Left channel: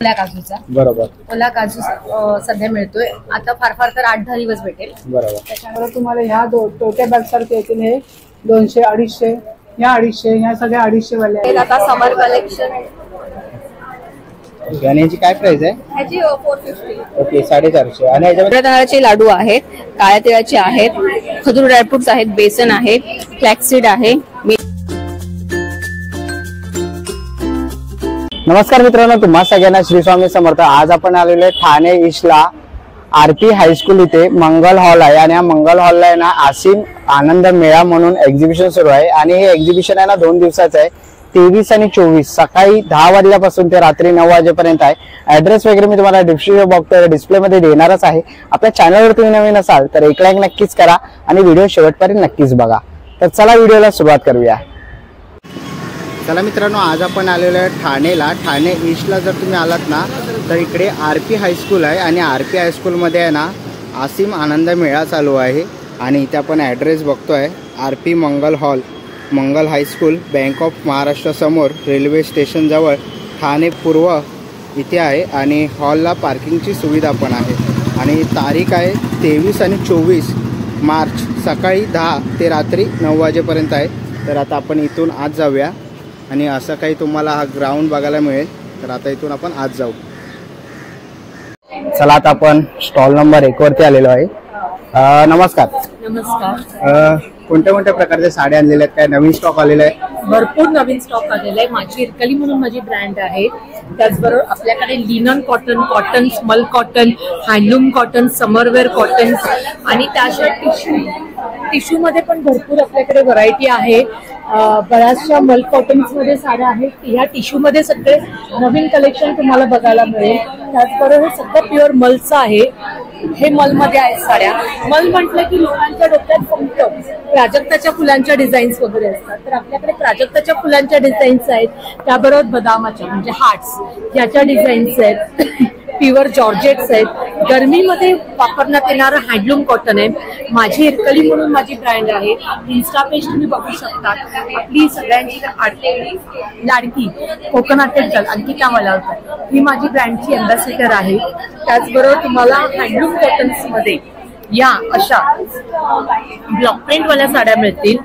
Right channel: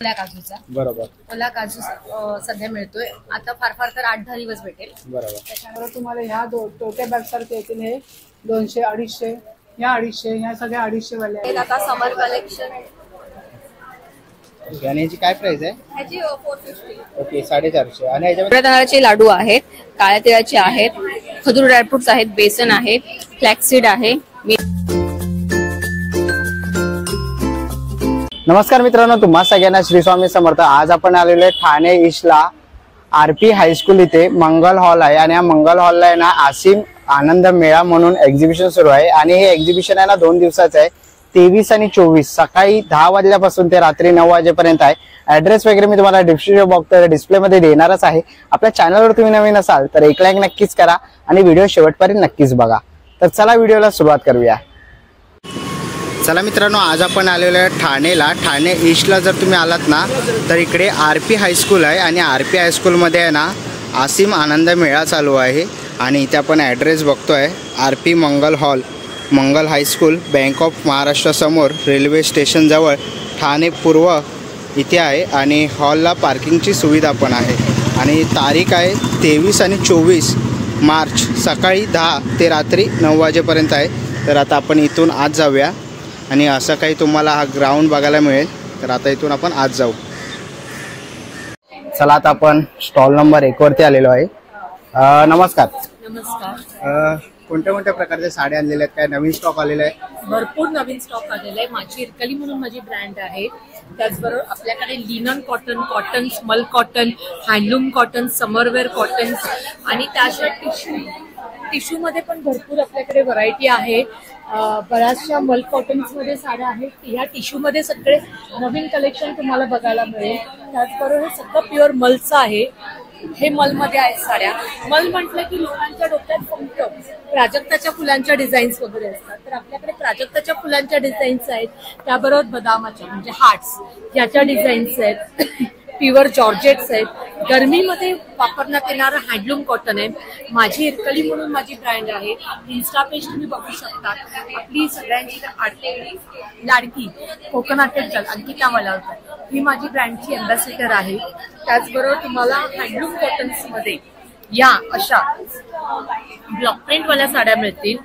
ओला काजूचा बरोबर. ओला काजू सध्या मिळतोय आता फार तर 8-10 दिवस भेटेल. बरोबर. त्याच्यामुळे तुम्हाला ह्या टोटे बॅग सारखे येतील हे 200, 250, ह्या 250, ह्या सगळ्या 250 वाले आहेत. आता समर कलेक्शन. आणि याची काय प्राइस आहे? ह्याची 450. ओके 450. आणि याच्यामध्ये तांदळाचे लाडू आहेत, काळ्या तिळाचे आहेत, खजूर ड्रायफ्रुट्स आहेत, बेसन आहे, फ्लॅक्सीड आहे. नमस्कार मित्रांनो, तुम्हा सगळ्यांना श्री स्वामी समर्थ. आज आपण आलेलो आहे ठाणे ईस्टला आरपी हायस्कूल इथे मंगल हॉल आहे आणि या मंगल हॉलला आहे ना आसिम आनंद मेळा म्हणून एक्झिबिशन सुरू आहे आणि हे एक्झिबिशन आहे ना 2 दिवसाचं आहे. 23 आणि 24 सकाळी 10 वाजल्यापासून ते रात्री 9 वाजेपर्यंत आहे. ऍड्रेस वगैरे मी तुम्हाला डिस्क्रिप्शन बॉक्स डिस्प्ले मध्ये देणारच आहे. आपल्या चॅनलवर तुम्ही नवीन असाल तर एक लाईक नक्कीच करा आणि व्हिडिओ शेवटपर्यंत नक्कीच बघा. तर चला व्हिडिओला सुरुवात करूया. चला मित्रांनो, आज आपण आलेलो आहे ठाणेला. ठाणे ईस्टला जर तुम्ही आलात ना तर इकडे आरपी हायस्कूल आहे आणि आरपी हायस्कूलमध्ये आहे ना आसिम आनंद मेळा चालू आहे आणि इथे आपण ॲड्रेस बघतोय. RP Mangal hall, Mangal high school, bank of Maharashtra समोर, रेल्वे स्टेशन जवळ, ठाणे पूर्व इथे आहे आणि हॉलला पार्किंगची सुविधा पण आहे. आणि तारीख आहे 23 आणि 24 मार्च सकाळी 10 ते रात्री 9 वाजेपर्यंत आहे. तर आता आपण इथून आज जाऊया आणि असं काही तुम्हाला हा ग्राउंड बघायला मिळेल. तर आता इथून आपण आज जाऊ. चला आता आपण स्टॉल नंबर 1 वरती आलेलो आहे. नमस्कार. नमस्कार. कोणत्या कोणत्या प्रकारच्या साड्या आणलेल्या आहेत? काय नवीन स्टॉक आलेला आहे? भरपूर नवीन स्टॉक आलेला आहे. माझी इरकली म्हणून माझी ब्रँड आहे. त्याचबरोबर आपल्याकडे लिनन कॉटन, कॉटन, स्मल cotton, handloom cotton, summerwear cotton आणि त्याशिवाय टिश्यू मध्ये पण भरपूर आपल्याकडे व्हरायटी आहे. बऱ्याचशा मल कॉटन्स मध्ये साड्या आहेत. ह्या टिश्यू मध्ये सगळे नवीन कलेक्शन तुम्हाला बघायला मिळेल. त्याचबरोबर हे सगळं प्युअर मलचं आहे. हे मलमध्ये आहेत साड्या. मल म्हटलं की लोकांच्या डोक्यात फक्त प्राजक्ताच्या फुलांच्या डिझाईन्स वगैरे असतात. तर आपल्याकडे प्राजक्ताच्या फुलांच्या डिझाईन्स आहेत. त्याबरोबर बदामाच्या म्हणजे हार्ट्स ह्याच्या डिझाईन्स आहेत. प्युअर जॉर्जेट्स आहेत. गरमीमध्ये वापरण्यात येणारं हँडलूम कॉटन आहे. माझी इरकली म्हणून माझी ब्रँड आहे. इन्स्टा पेज तुम्ही बघू शकता. आपली सगळ्यांची लाडकी कोकणात अंकिता मलावकर ही माझी ब्रँडची अँबॅसेडर आहे. त्याचबरोबर तुम्हाला हँडलूम कॉटन्स मध्ये या अशा ब्लॉक प्रिंट वाल्या साड्या मिळतील.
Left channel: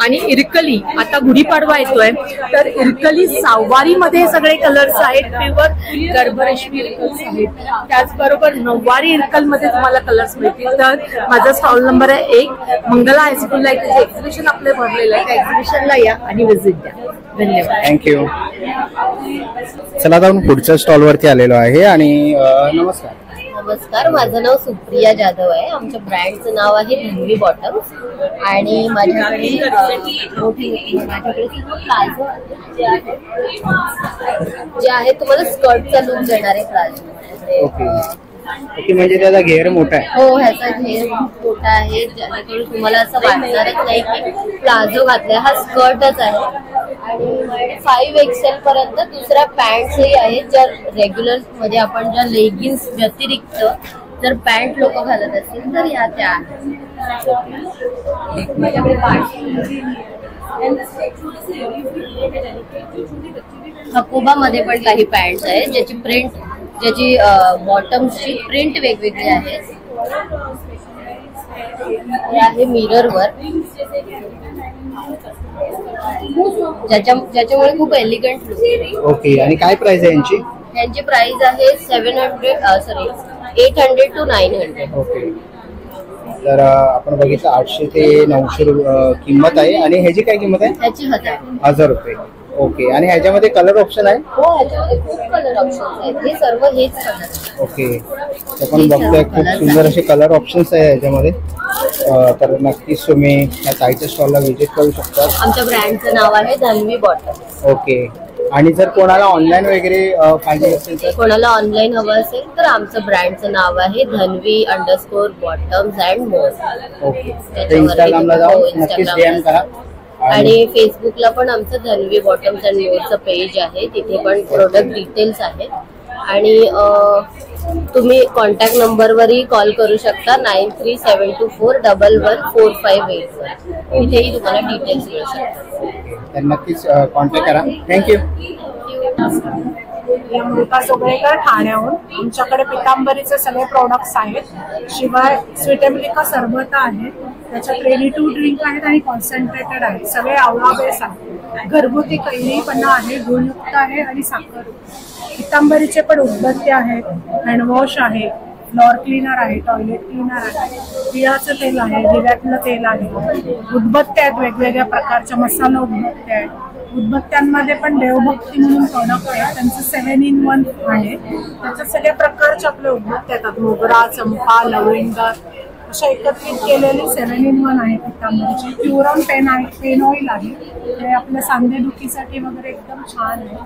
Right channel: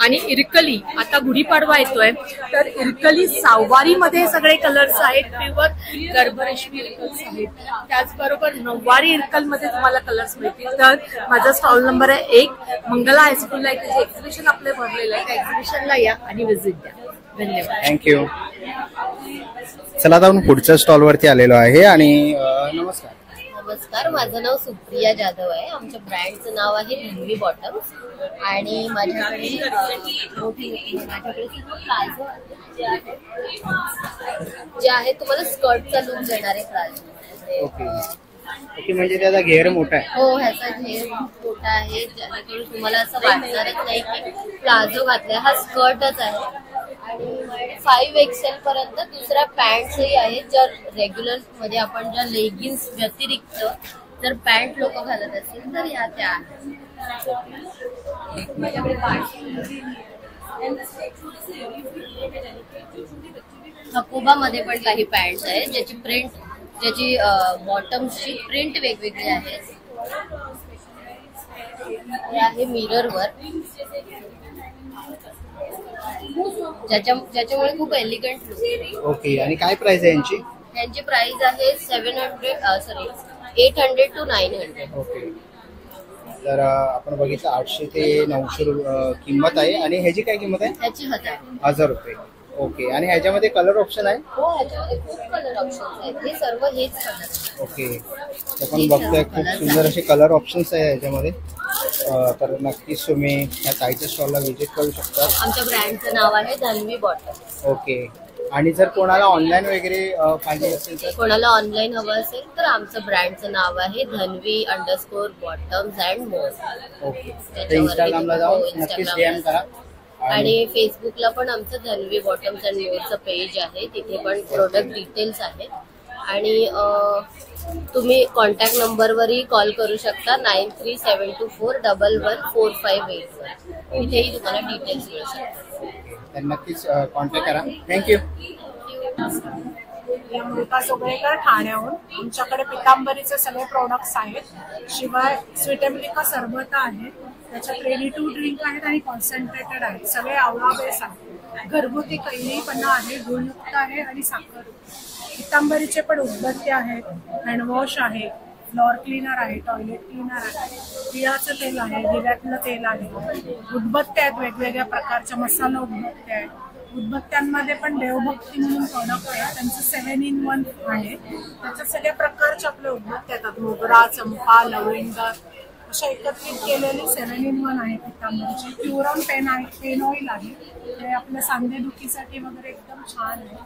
आणि इरकली आता गुढीपाडवा येतोय तर इरकली सहावारीमध्ये सगळे कलर्स आहेत. प्युअर गर्भरेशमी इरकल्स आहेत. त्याचबरोबर नऊवारी इरकल मध्ये तुम्हाला कलर्स मिळतील. तर माझा स्टॉल नंबर आहे 1 मंगला हायस्कूलला. इथे एक्झिबिशन आपले भरलेलं आहे. त्या एक्झिबिशनला या आणि व्हिजिट द्या. धन्यवाद. थँक्यू. चला आता आपण पुढच्या स्टॉल वरती आलेलो आहे. आणि नमस्कार. नमस्कार, माझं नाव सुप्रिया जाधव आहे. आमच्या ब्रँडचं नाव आहे धन्वी बॉटम्स आणि माझ्याकडे प्लाझो जे आहे तुम्हाला स्कर्टचा लुक देणार आहे प्लाझो. ओके, म्हणजे त्याचा घेर मोठा आहे. हो, ह्याचा घेर मोठा आहे जेणेकरून तुम्हाला असं वाटणारच नाही की प्लाझो घातलाय. हा स्कर्टच आहे. आणि 5XL पर्यंत दुसऱ्या पॅन्ट्सही आहेत ज्या रेग्युलर म्हणजे आपण ज्या लेगिन्स व्यतिरिक्त जर पॅन्ट लोक घालत असतील तर ह्या त्या आहेत. हकोबा मध्ये पण काही पॅन्ट्स आहेत ज्याची प्रिंट ज्याची बॉटम्सची प्रिंट वेगवेगळी आहे. हे आहे मिररवर ज्याच्यामुळे खूप एलिगंट लुक. ओके, आणि काय प्राइस आहे यांची? यांची प्राइस आहे 800 to 900. ओके, तर आपण बघितलं 800 ते 900 किंमत आहे. आणि ह्याची काय किंमत आहे? त्याची 1000 रुपये. ओके, आणि ह्याच्यामध्ये कलर ऑप्शन आहे? हो, ह्याच्यामध्ये खूप कलर ऑप्शन आहेत. हे सर्व हेच कलर. ओके, आपण बघतोय खूप सुंदर असे कलर ऑप्शन्स आहे ह्याच्यामध्ये. तर नक्कीच तुम्ही या ताईच्या स्टॉलला व्हिजिट करू शकता. आमच्या ब्रँडचं नाव आहे धन्वी बॉटम. ओके, आणि जर कोणाला ऑनलाईन वगैरे पाहिजे असेल तर? कोणाला ऑनलाईन हवं असेल तर आमचं ब्रँडचं नाव आहे धन्वी_बॉटम्स अँड मोर. ओके, इंस्टाग्रामला जाऊन नक्कीच DM करा. आणि फेसबुकला पण आमचं धन्वी बॉटम्स अँड मोरचं पेज आहे. तिथे पण प्रोडक्ट डिटेल्स आहेत. आणि तुम्ही कॉन्टॅक्ट नंबरवरही कॉल करू शकता 9372411458 वर. इथेही तुम्हाला डिटेल्स मिळू शकतात. तर नक्कीच कॉन्टॅक्ट करा. थँक्यू. अमृता जोगळेकर ठाण्याहून. आमच्याकडे पितांबरीचे सगळे प्रोडक्ट्स आहेत. शिवाय स्वीटेमिलिका सरबत आहे, त्याच्यात रेडी टू ड्रिंक आहेत आणि कॉन्सन्ट्रेटेड आहेत. सगळे आवळा बेस आहेत. घरगुती कैरीपणा आहे, गुळयुक्त आहे आणि साखर. पितांबरीचे पण उदबत्ते आहेत, हँडवॉश आहे, फ्लोअर क्लीनर आहे, टॉयलेट क्लीनर आहे, तिळाचं तेल आहे, दिव्यातलं तेल आहे. उदबत्ते आहेत वेगवेगळ्या प्रकारच्या, मसाला उदबत्ते आहेत. उदबत्त्यांमध्ये पण देवभक्ती म्हणून प्रोडक्ट आहे, त्यांचं 7 in 1 आहे. त्याच्यात सगळ्या प्रकारचे आपले उदबत्ते येतात, मोगरा, चंपा, लवंग अशा एकत्रित केलेली 7 in 1 आहे पितांबरीची. प्युरॉन पेन ऑइल आहे, ते आपल्या सांधेदुखीसाठी वगैरे एकदम छान आहे.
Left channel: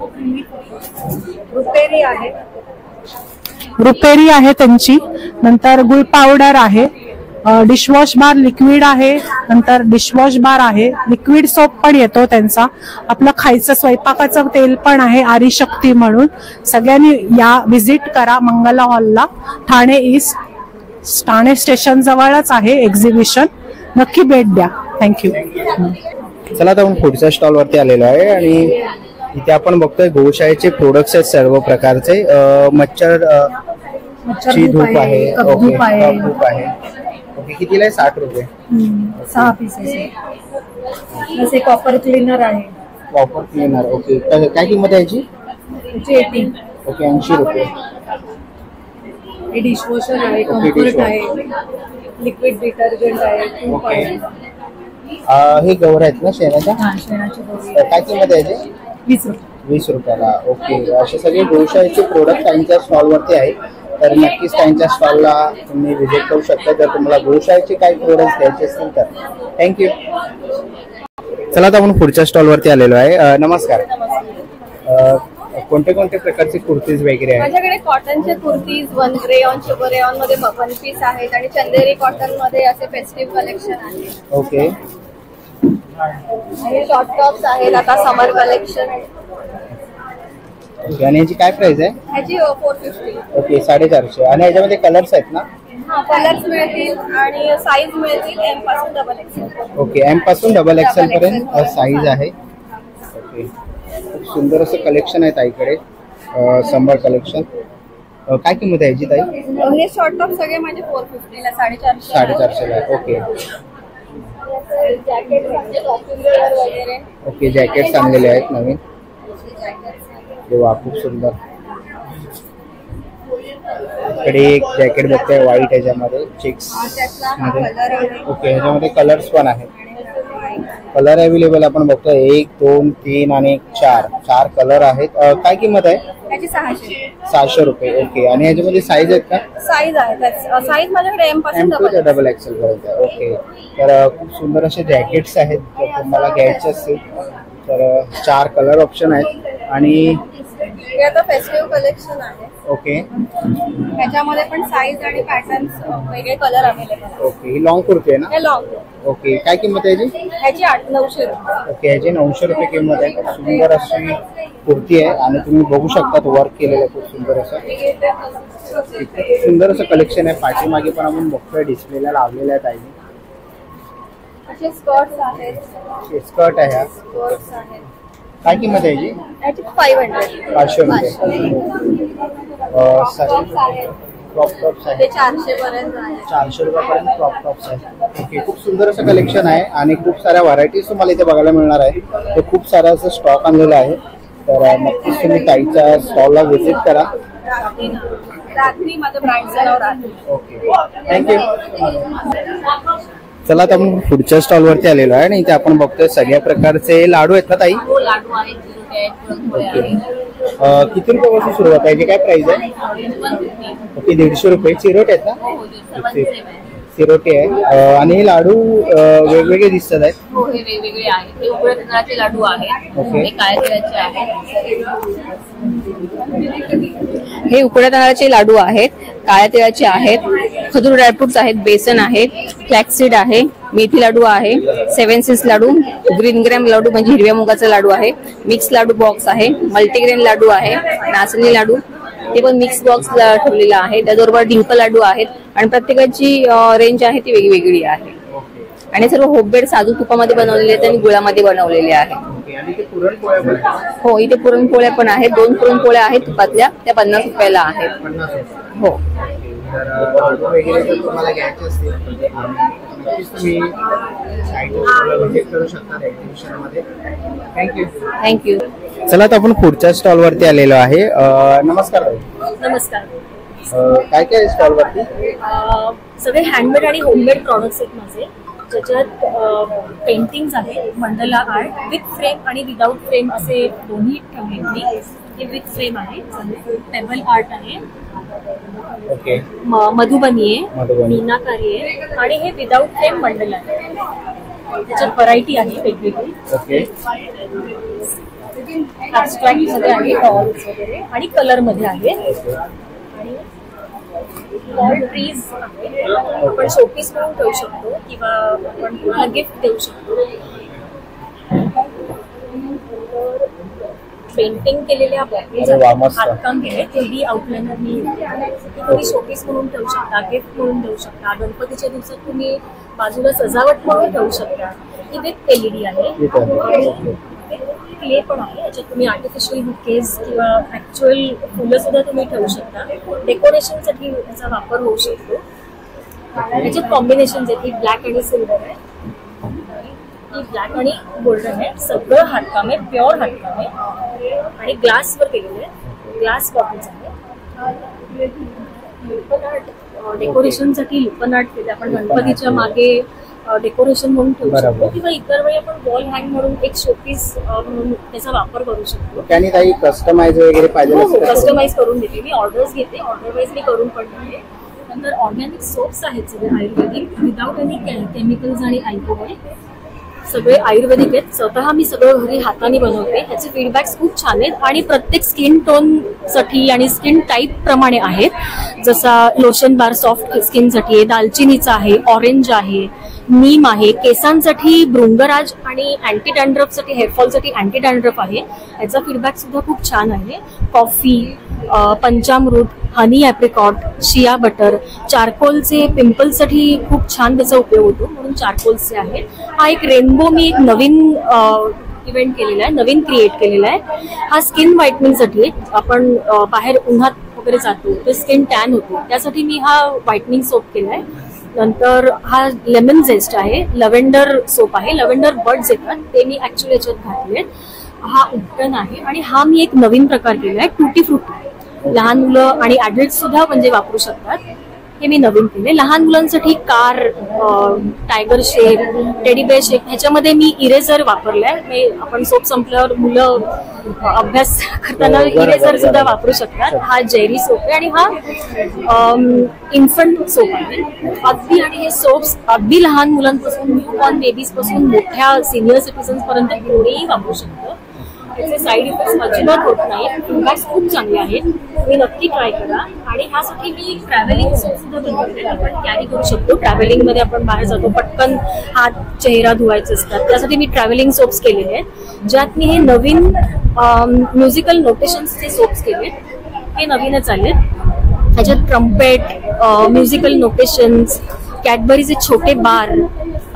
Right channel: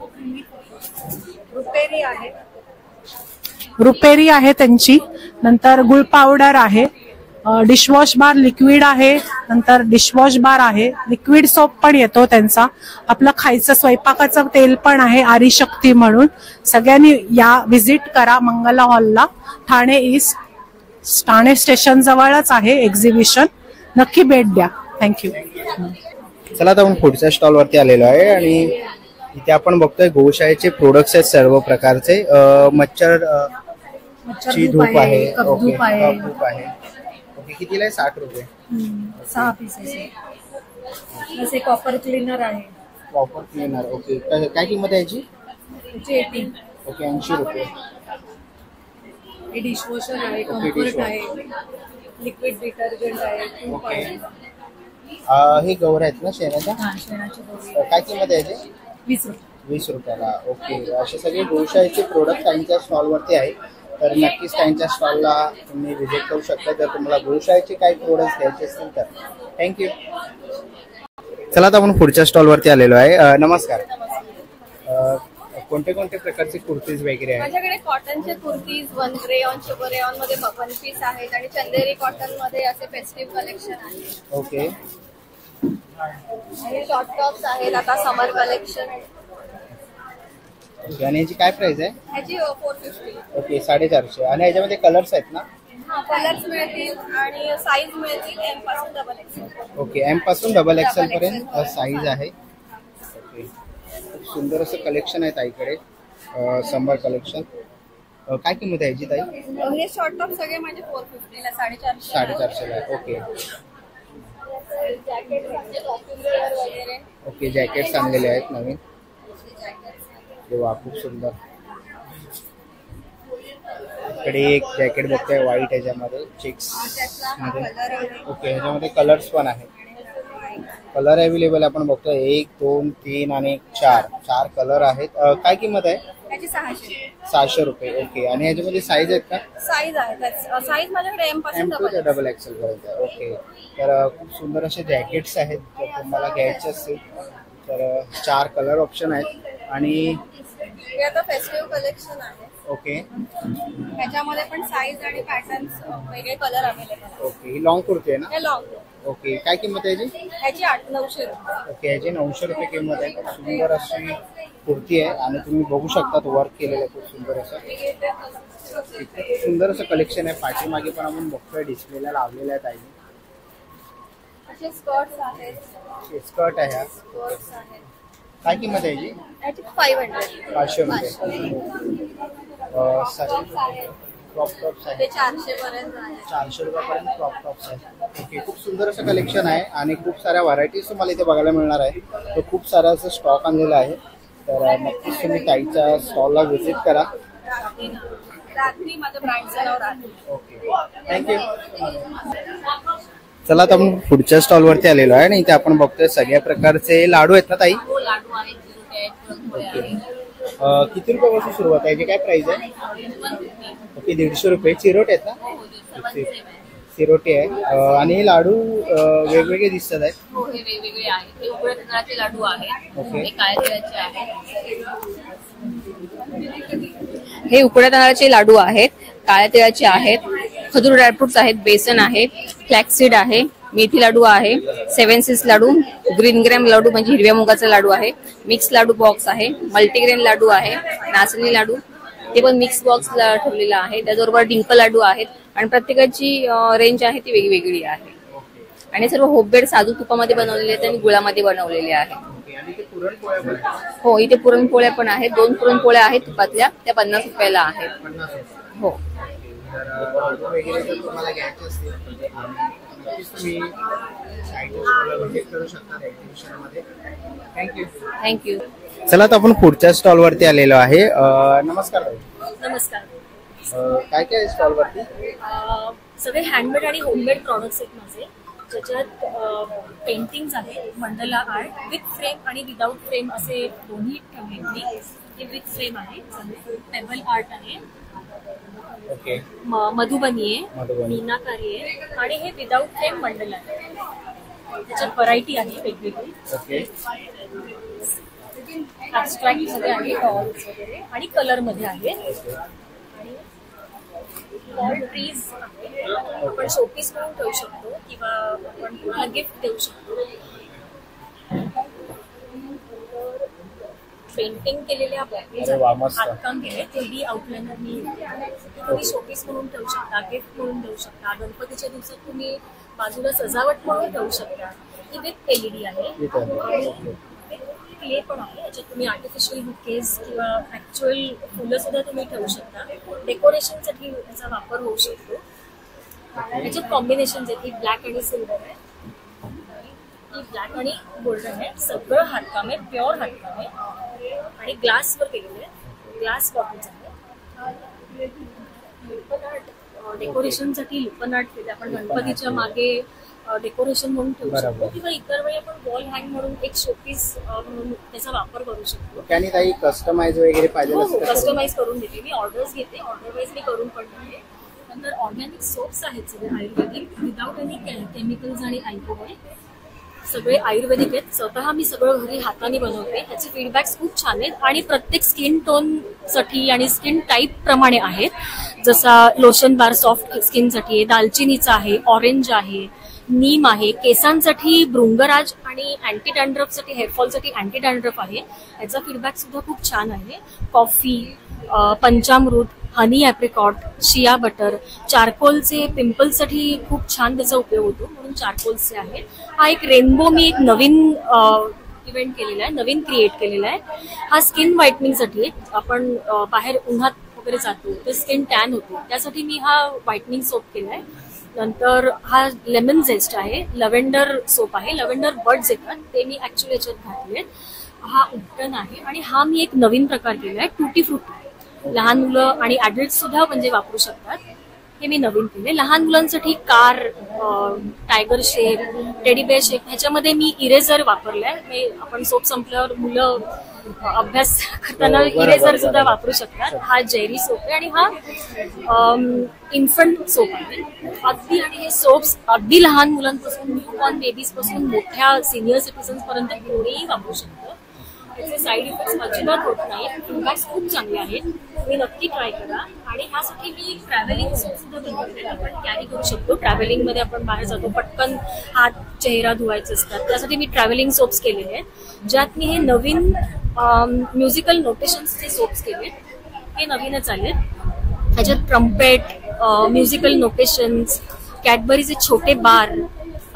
रुपेरी आहे त्यांची. नंतर गुळ पावडर आहे, डिशवॉश बार लिक्विड आहे, नंतर डिशवॉश बार आहे, लिक्विड सोप पण येतो त्यांचा. आपलं खायचं स्वयंपाकाचं तेल पण आहे, आरीशक्ती म्हणून. सगळ्यांनी या व्हिजिट करा मंगला हॉलला, ठाणे ईस्ट, ठाणे स्टेशन जवळच आहे एक्झिबिशन. नक्की भेट द्या. थँक्यू. चला आता आपण पुढच्या स्टॉल वरती आलेलो आहे आणि इथे आपण बघतोय गोशाळेचे प्रोडक्ट्स आहेत सर्व प्रकारचे. मच्छर ची धूप आहे, ओके, धूप आहे. ओके, कितीला आहे? 60 रुपये. 6 पीसेस. जसे कॉपर क्लीनर आहे. Copper cleaner, okay. काय किंमत आहे याची? 80. ओके, 80 रुपये. हे डिशवॉशर आहे, कम्फर्ट आहे, लिक्विड डिटर्जंट आहे, ट्यूब आहे. हे गौर आहेत ना शेणाच्या? शेणाची गौरी. काय किंमत आहे याची? 20 रुपये. 20 रुपयाला. ओके, असे सगळे गोशाळेचे प्रोडक्ट त्यांच्या स्टॉल वरती आहेत. तर नक्कीच त्यांच्या स्टॉलला तुम्ही व्हिजिट करू शकता जर तुम्हाला गोशाळेचे काही प्रोडक्ट्स घ्यायचे असतील तर. थँक्यू. चला आता आपण पुढच्या स्टॉल वरती आलेलो आहे. नमस्कार. कोणते कोणते प्रकारचे कुर्तीज वगैरे आहेत? माझ्याकडे कॉटनचे kurtis, one rayon, sugar rayon मध्ये वन पीस आहेत आणि चंदेरी कॉटन मध्ये असे फेस्टिव्ह कलेक्शन आहे. ओके. आणि शॉर्ट टॉप्स आहेत, आता समर कलेक्शन आहे. ओके, आणि याची काय प्राइस आहे? ह्याची 450. ओके, 450. आणि याच्यामध्ये कलर्स आहेत ना? हा, कलर्स मिळतील आणि साईज मिळतील एम पासून डबल एक्सेल. ओके, एम पासून डबल एक्सेल पर्यंत साईज आहे. ओके, खूप सुंदर असं कलेक्शन आहे ताईकडे, समर कलेक्शन. काय किंमत आहे याची ताई? हे शॉर्ट टॉप सगळे माझे 450 ला, 450. 450 ला. ओके. जॅकेट वगैरे. ओके, जॅकेट्स आणलेले आहेत नवीन. वा, खूप सुंदर. इकडे एक जॅकेट बघतोय व्हाईट, याच्यामध्ये चेक्स मध्ये. ओके, ह्याच्यामध्ये कलर्स पण आहेत. कलर अवेलेबल आपण बघतोय 1, 2, 3 आणि 4 कलर आहेत. काय किंमत आहे? त्याची 600. 600 रुपये. ओके, आणि ह्याच्यामध्ये साईज आहेत का? साईज आहे, साईज माझ्याकडे एम पासून डबल एक्सेल पर्यंत. ओके, तर खूप सुंदर असे जॅकेट्स आहेत. जर तुम्हाला घ्यायचे असतील तर 4 कलर ऑप्शन आहेत. आणि हे आता फेस्टिव्ह कलेक्शन आहे. ओके, त्याच्यामध्ये पण साईज आणि पॅटर्न वेगळे कलर अवेलेबल आहेत. ओके, ही लॉंग कुर्ती आहे ना? हे लॉंग. ओके, काय किंमत आहे याची? ह्याची 900 रुपये. ओके, ह्याची 900 रुपये किंमत आहे. खूप सुंदर अशी कुर्ती आहे आणि तुम्ही बघू शकता वर्क केलेलं खूप सुंदर असं. सुंदर असं कलेक्शन आहे. पाठीमागे पण आपण बघतोय डिस्प्लेला लावलेल्या आहेत. असे स्कर्ट्स आहेत. स्कर्ट आहे ह्या. स्कर्ट्स आहेत. काय किंमत आहे याची? ह्याची 500. 500 रुपये. टॉप्स आहेत. क्रॉप टॉप्स ते आहे 400 पर्यंत आहे. 400 रुपयापर्यंत क्रॉप टॉप्स आहे. ओके, खूप सुंदर असं कलेक्शन आहे आणि खूप साऱ्या व्हरायटीज तुम्हाला इथे बघायला मिळणार आहे. तर खूप सारा असं स्टॉक आणलेला आहे. तर नक्कीच तुम्ही ताईच्या स्टॉलला व्हिजिट करा. रात्री माझं ब्रँडचं नाव रात्री. Okay, thank you. चला आता आपण पुढच्या स्टॉल वरती आलेलो आहे आणि इथे आपण बघतोय सगळ्या प्रकारचे लाडू आहेत ना ताई? हो, लाडू आहेत. किती रुपयापासून सुरुवात आहे? काय प्राइस आहे? ओके, 150 रुपये. चिरोटे आहेत ना? चिरोटे आहे. आणि हे लाडू वेगवेगळे दिसतात आहेत. हो, हे वेगवेगळे आहेत. हे उघड्या तांदळाचे लाडू आहेत. ओके, हे काळ्या तेलाचे आहेत. हे उकड्या तांदळाचे लाडू आहेत, काळ्या तेलाचे आहेत, खजूर ड्रायफ्रुट्स आहेत, बेसन आहे, फ्लॅक्सीड आहे, मेथी लाडू आहे, 7 सीड्स लाडू, ग्रीन ग्रॅम लाडू म्हणजे हिरव्या मुगाचा लाडू आहे, मिक्स लाडू बॉक्स आहे, मल्टीग्रेन लाडू आहे, नाचणी लाडू ते पण मिक्स बॉक्स ठेवलेला आहे. त्याचबरोबर डिंक लाडू आहेत आणि प्रत्येकाची रेंज आहे ती वेगवेगळी आहे. आणि सर्व होममेड साजूक तुपामध्ये बनवलेले आहेत आणि गुळामध्ये बनवलेले आहे. हो, इथे पुरणपोळ्या पण आहेत. 2 पुरणपोळ्या आहेत तुपातल्या, त्या 50 रुपयाला आहेत. हो. थँक्यू. चला तर आपण पुढच्या स्टॉल वरती आलेलो आहे. नमस्कार. नमस्कार. काय काय स्टॉल वरती? सगळे हँडमेड आणि होममेड प्रॉडक्ट्स आहेत माझे, ज्याच्यात पेंटिंग्स आहेत, मंडला आर्ट विथ फ्रेम आणि विदाउट फ्रेम असे दोन्ही ठेवले मी. हे विथ फ्रेम आहे, टेबल आर्ट आहे, ओके, मधुबनी आहे, मीनाकारी आहे आणि हे विदाउट फ्रेम मंडला आहे. त्याच्यात व्हरायटी आहे वेगवेगळी. ओके. ऍब्स्ट्रॅक्ट मध्ये आहे, डॉल्स वगैरे आणि कलर मध्ये आहे. वॉल ट्रीज आपण शोपीस म्हणून ठेवू शकतो किंवा आपण कुठला गिफ्ट देऊ शकतो. पेंटिंग केलेल्या हातकाम केले, 3D आउटलाइनर मी तुम्ही शोपीस म्हणून ठेवू शकता, गिफ्ट म्हणून देऊ शकता, गणपतीच्या दिवसात तुम्ही बाजूला सजावट म्हणून ठेवू शकता. ही विथ LED आहे आणि क्ले पण आहे, याच्यात तुम्ही आर्टिफिशियल बुकेज किंवा ऍक्च्युअल फुलं सुद्धा तुम्ही ठेवू शकता. डेकोरेशनसाठी याचा वापर होऊ शकतो. याच्यात कॉम्बिनेशन आहेत, ही ब्लॅक आणि सिल्वर आहे, ही ब्लॅक आणि गोल्डन आहे. सगळं हातकाम आहे, प्युअर हातकाम आहे आणि ग्लासवर केलेलं आहे, ग्लास बॉटल्स आहे. लुपन आर्ट डेकोरेशनसाठी लुपन आर्ट केले आपण, गणपतीच्या मागे डेकोरेशन म्हणून ठेवू शकतो किंवा इतर वेळी आपण वॉल हँग म्हणून एक शोपीस म्हणून त्याचा वापर करू शकतो. त्याने काही कस्टमाइज वगैरे पाहिजे? हो, कस्टमाइज करून देते मी, ऑर्डर्स घेते, ऑर्डर वाईज मी करून पण देते. नंतर ऑर्गॅनिक सोप्स आहेत सगळे आयुर्वेदिक, विदाउट एनी केमिकल्स आणि अल्कोहोल, सगळे आयुर्वेदिक आहेत. स्वतः मी सगळं घरी हाताने बनवते. ह्याचे फीडबॅक्स खूप छान आहेत आणि प्रत्येक स्किन टोन साठी आणि स्किन टाईप प्रमाणे आहेत. जसा लोशन बार सॉफ्ट स्किनसाठी आहे, दालचिनीचा आहे, ऑरेंज आहे, नीम आहे, केसांसाठी भृंगराज आणि अँटी डॅन्ड्रफसाठी, हेअरफॉलसाठी अँटी डॅन्ड्रफ आहे. याचा फीडबॅक सुद्धा खूप छान आहे. कॉफी, पंचामृत, हनी ॲप्रिकॉट, शिया बटर, चारकोलचे पिंपल्ससाठी खूप छान त्याचा उपयोग होतो म्हणून चारकोलचे आहे. हा एक रेनबो मी एक नवीन इव्हेंट केलेला आहे, नवीन क्रिएट केलेला आहे. हा स्किन व्हाईटनिंगसाठी, आपण बाहेर उन्हात वगैरे जातो तर स्किन टॅन होतो, त्यासाठी मी हा व्हाईटनिंग सोप केलाय. नंतर हा लेमन झेस्ट आहे, लव्हेंडर सोप आहे, लव्हेंडर बड्स येतात ते मी ऍक्च्युअली याच्यात घातलेत. हा उपटन आहे आणि हा मी एक नवीन प्रकार केलाय, टुटी फ्रुटी. लहान मुलं आणि ऍडल्ट सुद्धा म्हणजे वापरू शकतात, हे मी नवीन केले. लहान मुलांसाठी कार, टायगर शेक, टेडी बेअर शेक, ह्याच्यामध्ये मी इरेझर वापरलाय. आपण सोप संपल्यावर मुलं अभ्यास करताना इरेझर सुद्धा वापरू शकतात. हा जेरी सोप आहे आणि हा इन्फंट सोप आहे अगदी. आणि हे सोप्स अगदी लहान मुलांपासून, न्यूबॉर्न बेबीज पासून मोठ्या सिनियर सिटीजन्स पर्यंत कोणीही वापरू शकतो. त्याचे साईड इफेक्ट्स अजिबात होत नाही, फीडबॅक्स खूप चांगले आहेत, तुम्ही नक्की ट्राय करा. आणि ह्यासाठी मी ट्रॅव्हलिंग सोप सुद्धा बनवते, आपण कॅरी करू शकतो. ट्रॅव्हलिंग मध्ये आपण बाहेर जातो, पटकन हात चेहरा धुवायचे असतात, त्यासाठी मी ट्रॅव्हलिंग सोप्स केलेले आहेत, ज्यात मी हे नवीन म्युझिकल नोटेशन्सचे सोप्स केलेत. हे नवीनच आलेत. ह्याच्यात ट्रम्पेट, म्युझिकल नोटेशन्स, कॅडबरीचे छोटे बार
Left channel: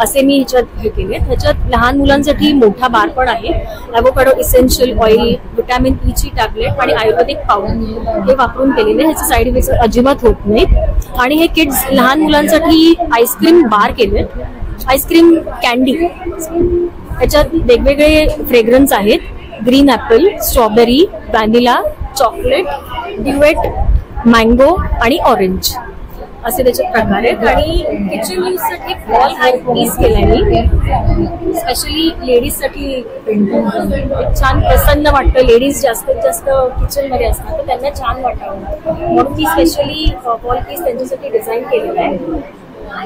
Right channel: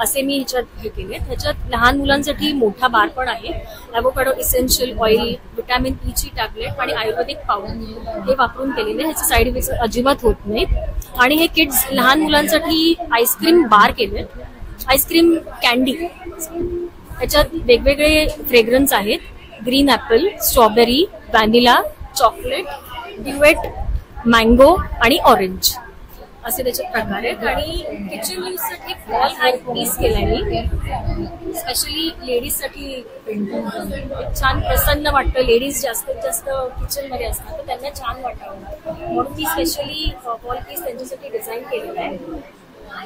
असे मी ह्याच्यात हे केले. ह्याच्यात लहान मुलांसाठी मोठा बार पण आहे, ॲव्होकाडो इसेन्शियल ऑइल, व्हिटॅमिन ई ची टॅबलेट आणि आयुर्वेदिक पावडर हे वापरून केलेले. ह्याचे साईड इफेक्ट्स अजिबात होत नाहीत. आणि हे किड्स लहान मुलांसाठी आईस्क्रीम बार केलेत, आईस्क्रीम कॅन्डी. ह्याच्यात वेगवेगळे फ्रेग्रन्स आहेत, green apple, strawberry, vanilla, chocolate, duet, mango आणि ऑरेंज असे त्याचे प्रकार आहेत. आणि किचन यूज साठी वॉल हँग पीस केलाय मी, स्पेशली लेडीज साठी. छान प्रसन्न वाटतं, लेडीज जास्तीत जास्त किचन मध्ये असतात तर त्यांना छान वाटावं म्हणून मी स्पेशली वॉल पीस त्यांच्यासाठी डिझाईन केलेला आहे.